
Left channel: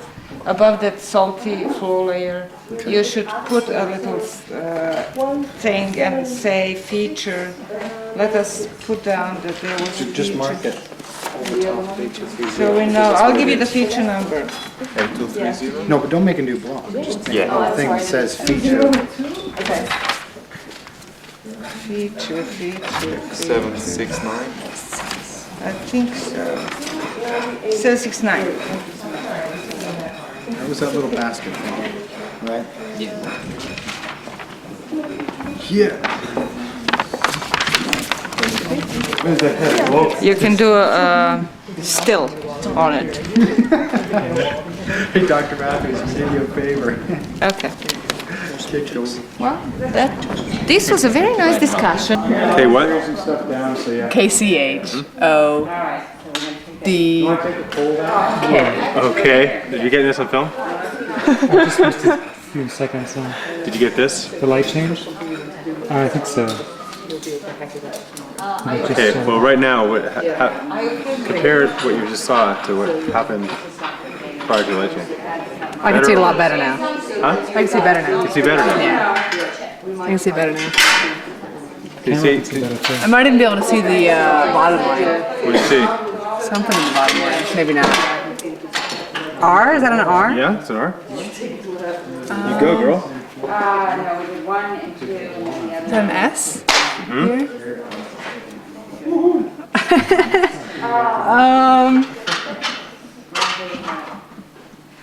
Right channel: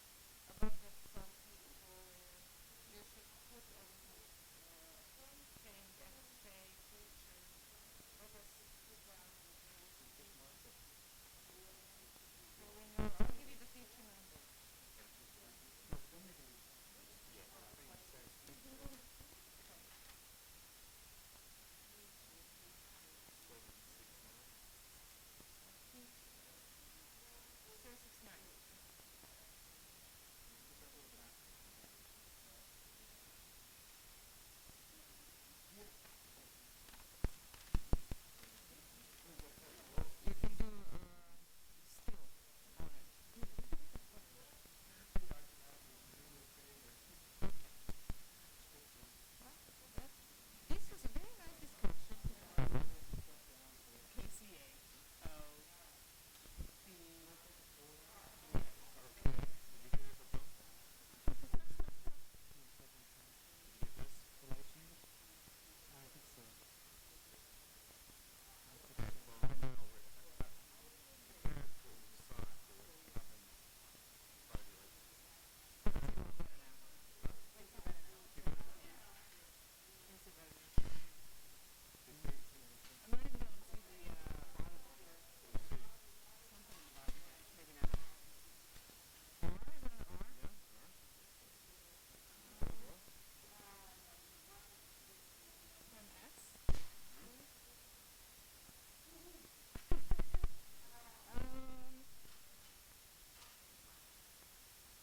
above that salty floor layer, you should put a little thing and say feature. Let us put down that there was a Just feature. mark it over top of 8230. So we know, I'll give you the feature number. 8230? No, but don't make a new block. Just make Yeah. a thing that says feature. Feature. 769. I think so. 769. That was that little basket thing, right? Yeah. Yeah. Where's the head? Whoa. You can do a still on it. Hey, Dr. Matthews, we did you a favor. Okay. Kicked over. Well, this was a very nice discussion. Hey, what? Stuff down, so yeah. KCHOD. Okay. Did you get this on film? I just missed a few seconds. Did you get this? The light changed? I think so. Okay. Well, right now, compare what you just saw to what happened prior to the light change. I can see it a lot better now. Huh? I can see better now. You can see better now. Yeah. I can see better now. Can you see? I might even be able to see the bottom line. What do you see? Something in the bottom line. Maybe not. R? Is that an R? Yeah, it's an R. You go, girl. Is that an S? Here?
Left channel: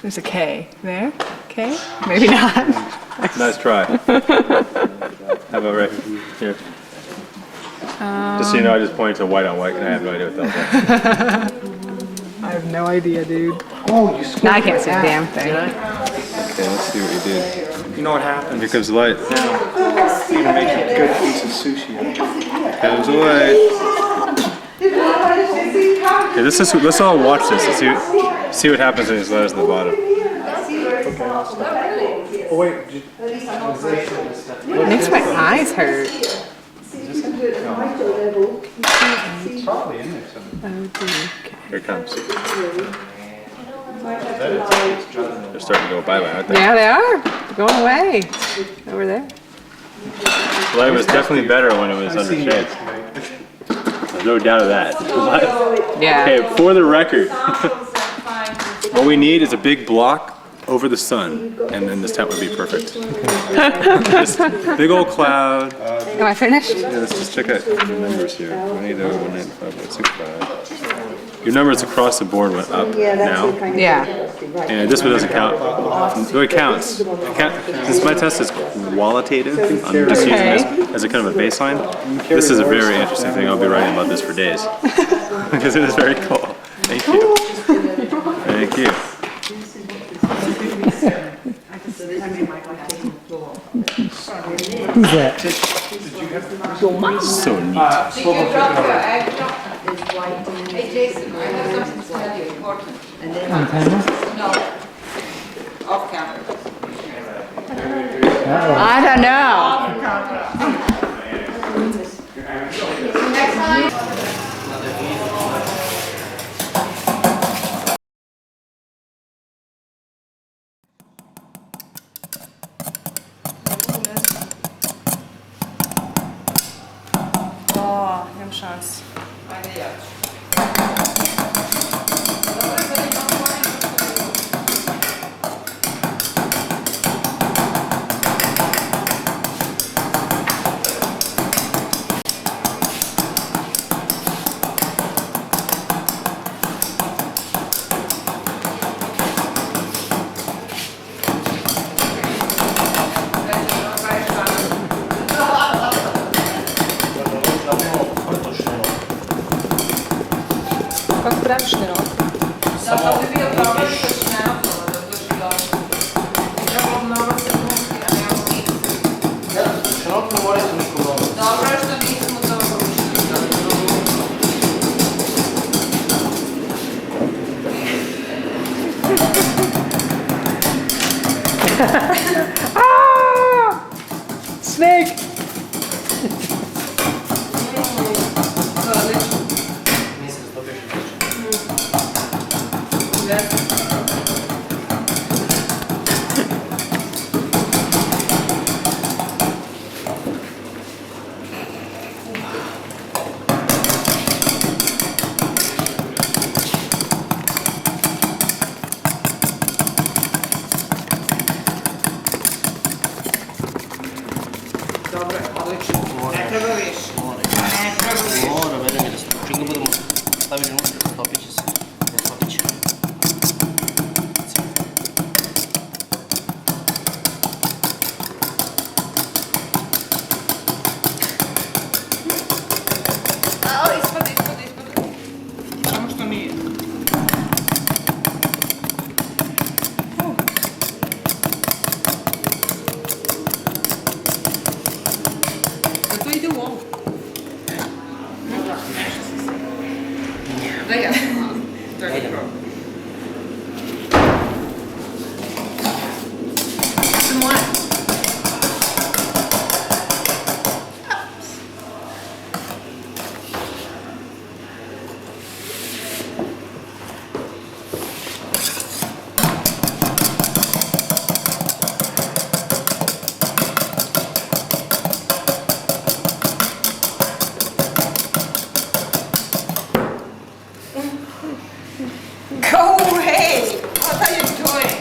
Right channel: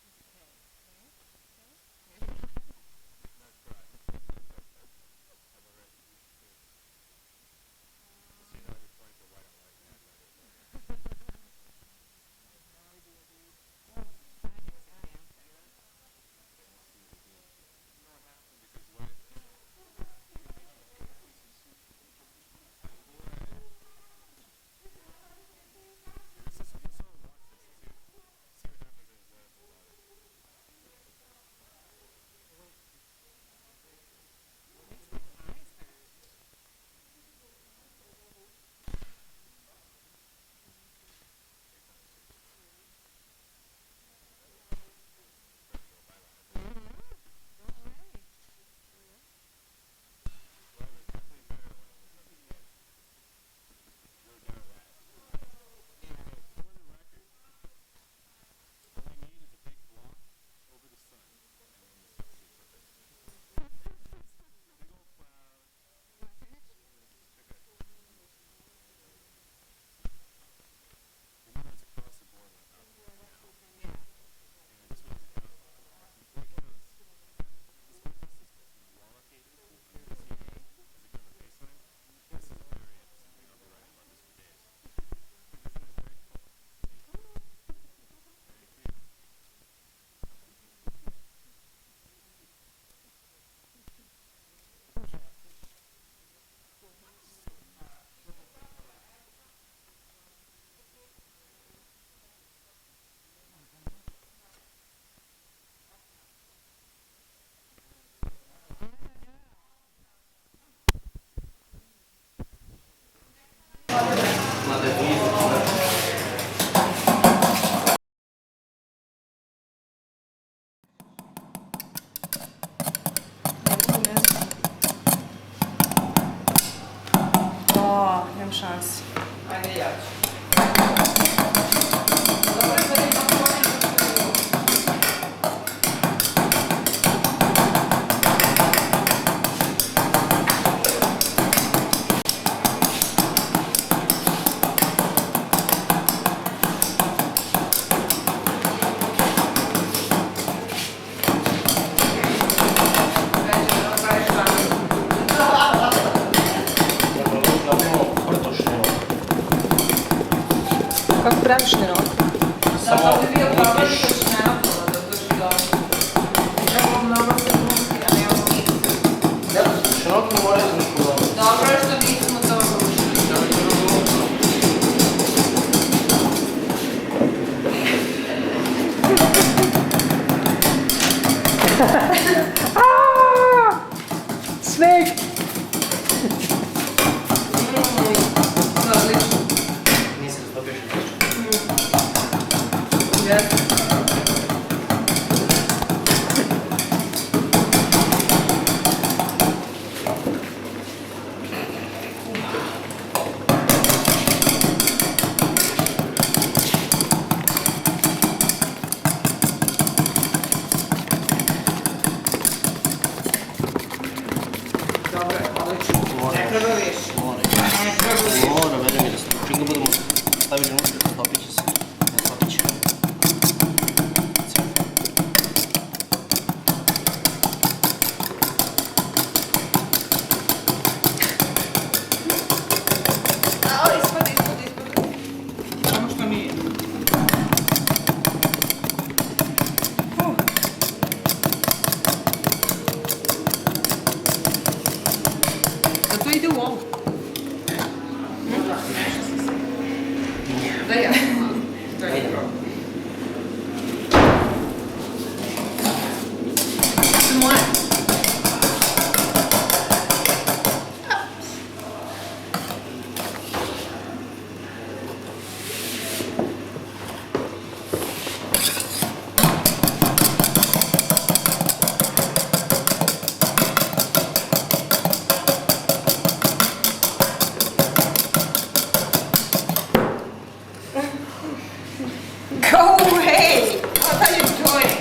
There's a K there. K? Maybe not. Nice try. How about right here? Just so you know, I just pointed to white on white, and I have no idea what that was. I have no idea, dude. Oh, you Now I can't see a damn thing. Okay, let's see what you did. You know what happens? Here comes the light. You can make a good piece of sushi. Comes the light. Okay, let's all watch this and see what happens when there's letters at the bottom. Oh wait, It makes my eyes hurt. It's probably in there somewhere. Here it comes. They're starting to go bye-bye, aren't they? Yeah, they are. Going away. Over there. Well, it was definitely better when it was under shade. There's no doubt of that. Yeah. Okay, for the record, what we need is a big block over the sun, and then this tent would be perfect. This big old cloud. Am I finished? Yeah, let's just check out the numbers here. 180, 195, 165. Your numbers across the board went up now. Yeah. And this one doesn't count. So it counts. Since my test is qualitative, I'm just using this as a kind of a baseline. This is a very interesting thing. I'll be writing about this for days. Because it is very cool. Thank you. Thank you. Who's that? So neat. Did you drop your egg? Hey Jason, I have something to tell you important. On camera? No, off camera. I don't know. Next time. O, nie mam szans. Kako praviš nerok? Samo bi bio problem što će naopolo da drži dobro. Trebalo mnogo sekunti, a ne ovo nisu. Široko more su niško dobro. Dobro je što nismo to učili. Snake! Nije se to piše. Dobro je, odlično. Ne treba više. Ne treba više. Mora, veri mi da se čim ga budemo stavili unutra, stopit će se. Ne stopit će. A, ispod. Samo što nije. Da to ide u ovu. Da ja. Ajde. Moje. Go away! What are you doing?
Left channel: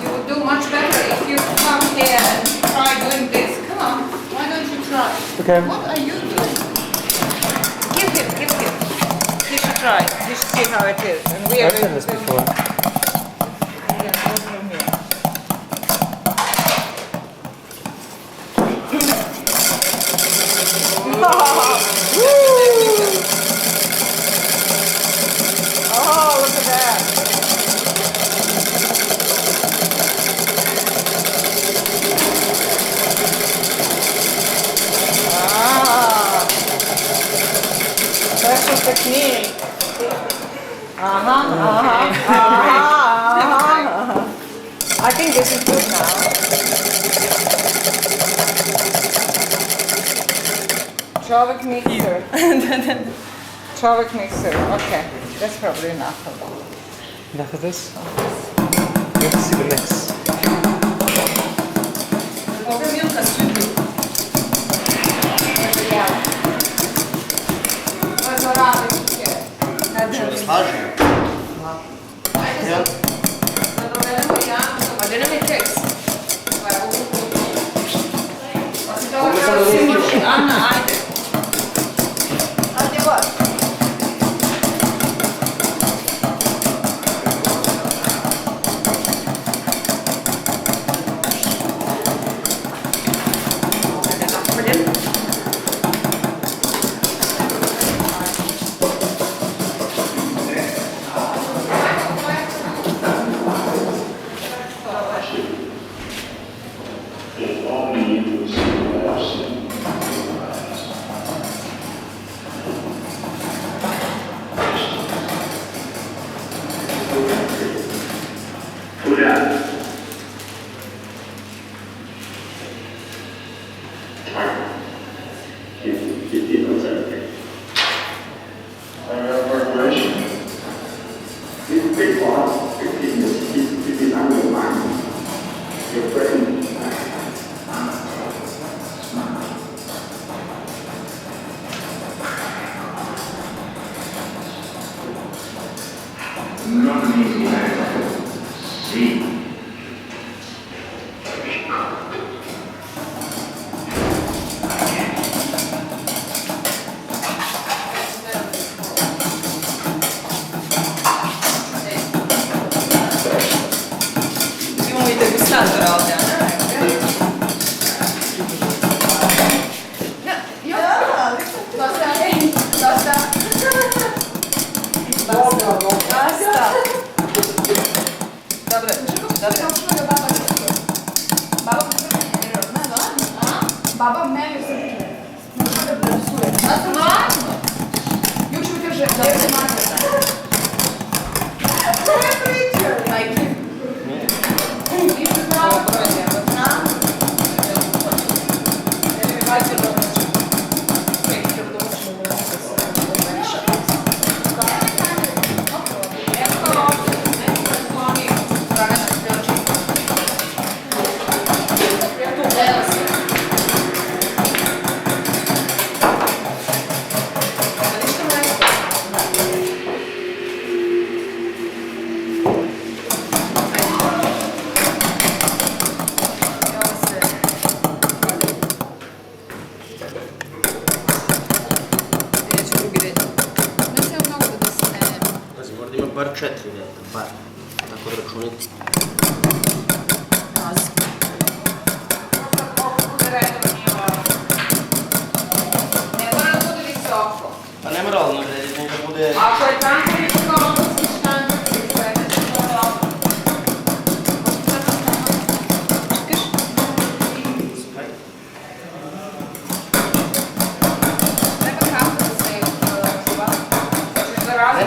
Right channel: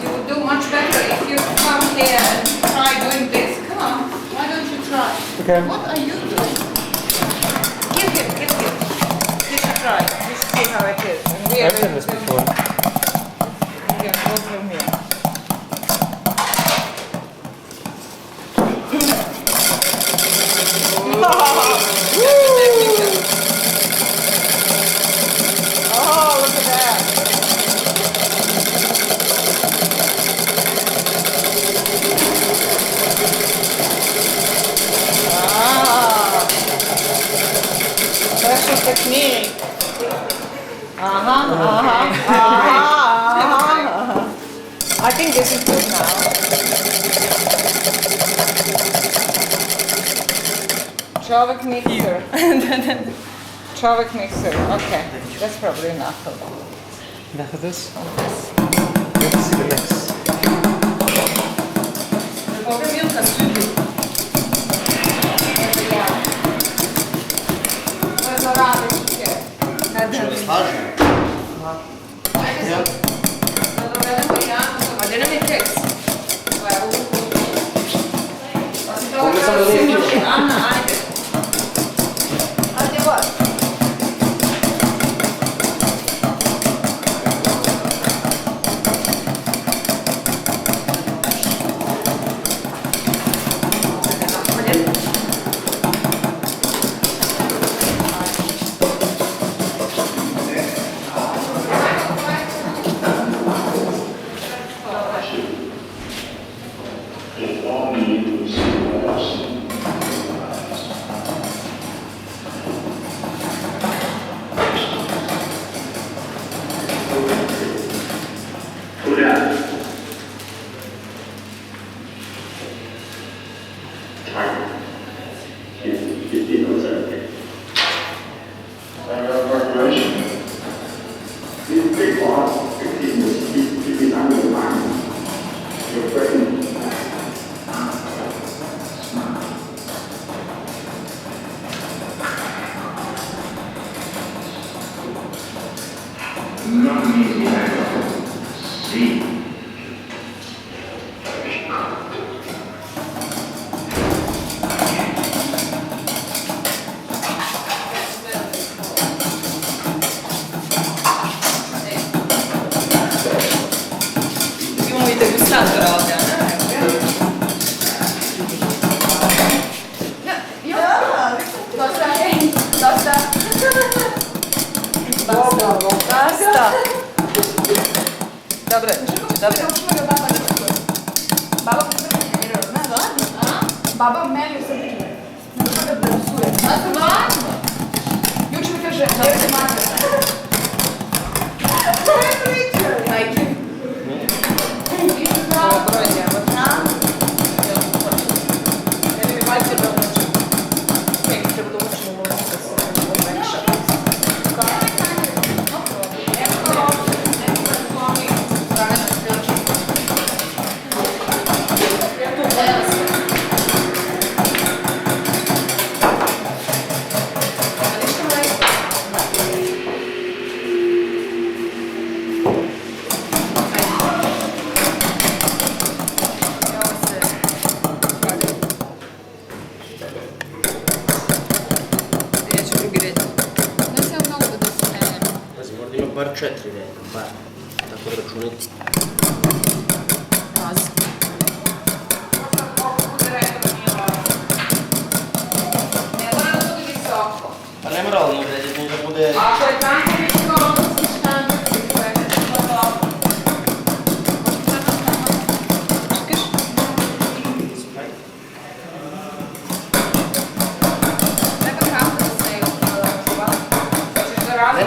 You would do much better if you come here and try doing this. Come on, why don't you try? Okay. What are you doing? Give him. He should try. He should see how it is. And we are I've done this before. Yeah, go from here. Oh, look at that. Ah, special technique. I think this is good now. Čovjek mixer. Čovjek mixer, okay. That's probably enough of that. Enough of this? Let's see the mix. Što ne slažem? Baba meni se ne može da psuje. Stvarno? Juče mi kaže, da se mate. To je priča. Majke. Ovo broj njema. Ne mi valjče da uči. Nek treba da učimo u ulici da se umeša. Bar 4 reda, bar. Tako da računite. Ne mora da bude visoko. Pa ne mora ono vrediti, da bude... Ako je tanko visoko, onda si štanci, sve ne će to dobro. Treba kako da se čuva. Ne,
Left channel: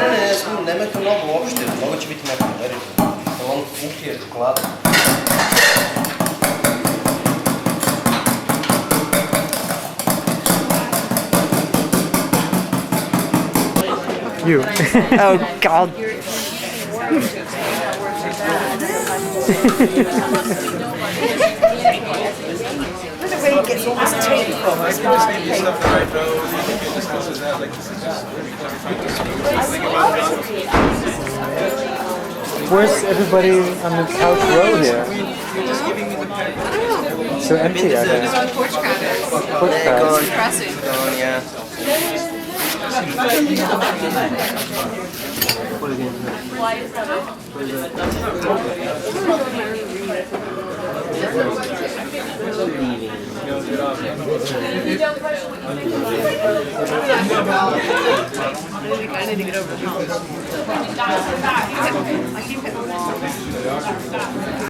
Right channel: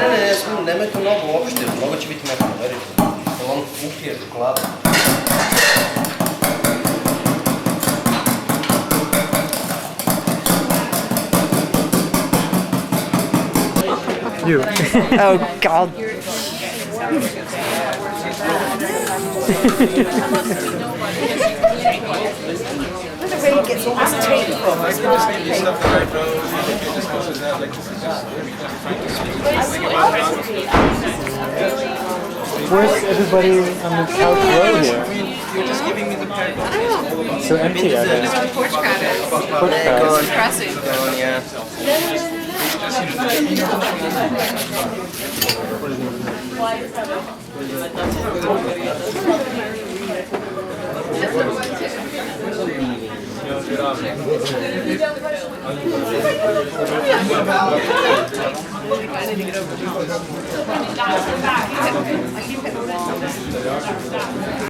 nemojte mnogo uopšte, mnogo će biti mekano, verite. Jer on upije čokolada. You. Oh, God. The way it gets almost taken from us. Where's everybody on the couch row here? So empty out there. Porch counters. Porch counters. Impressive. Gone, yeah. I need to get over.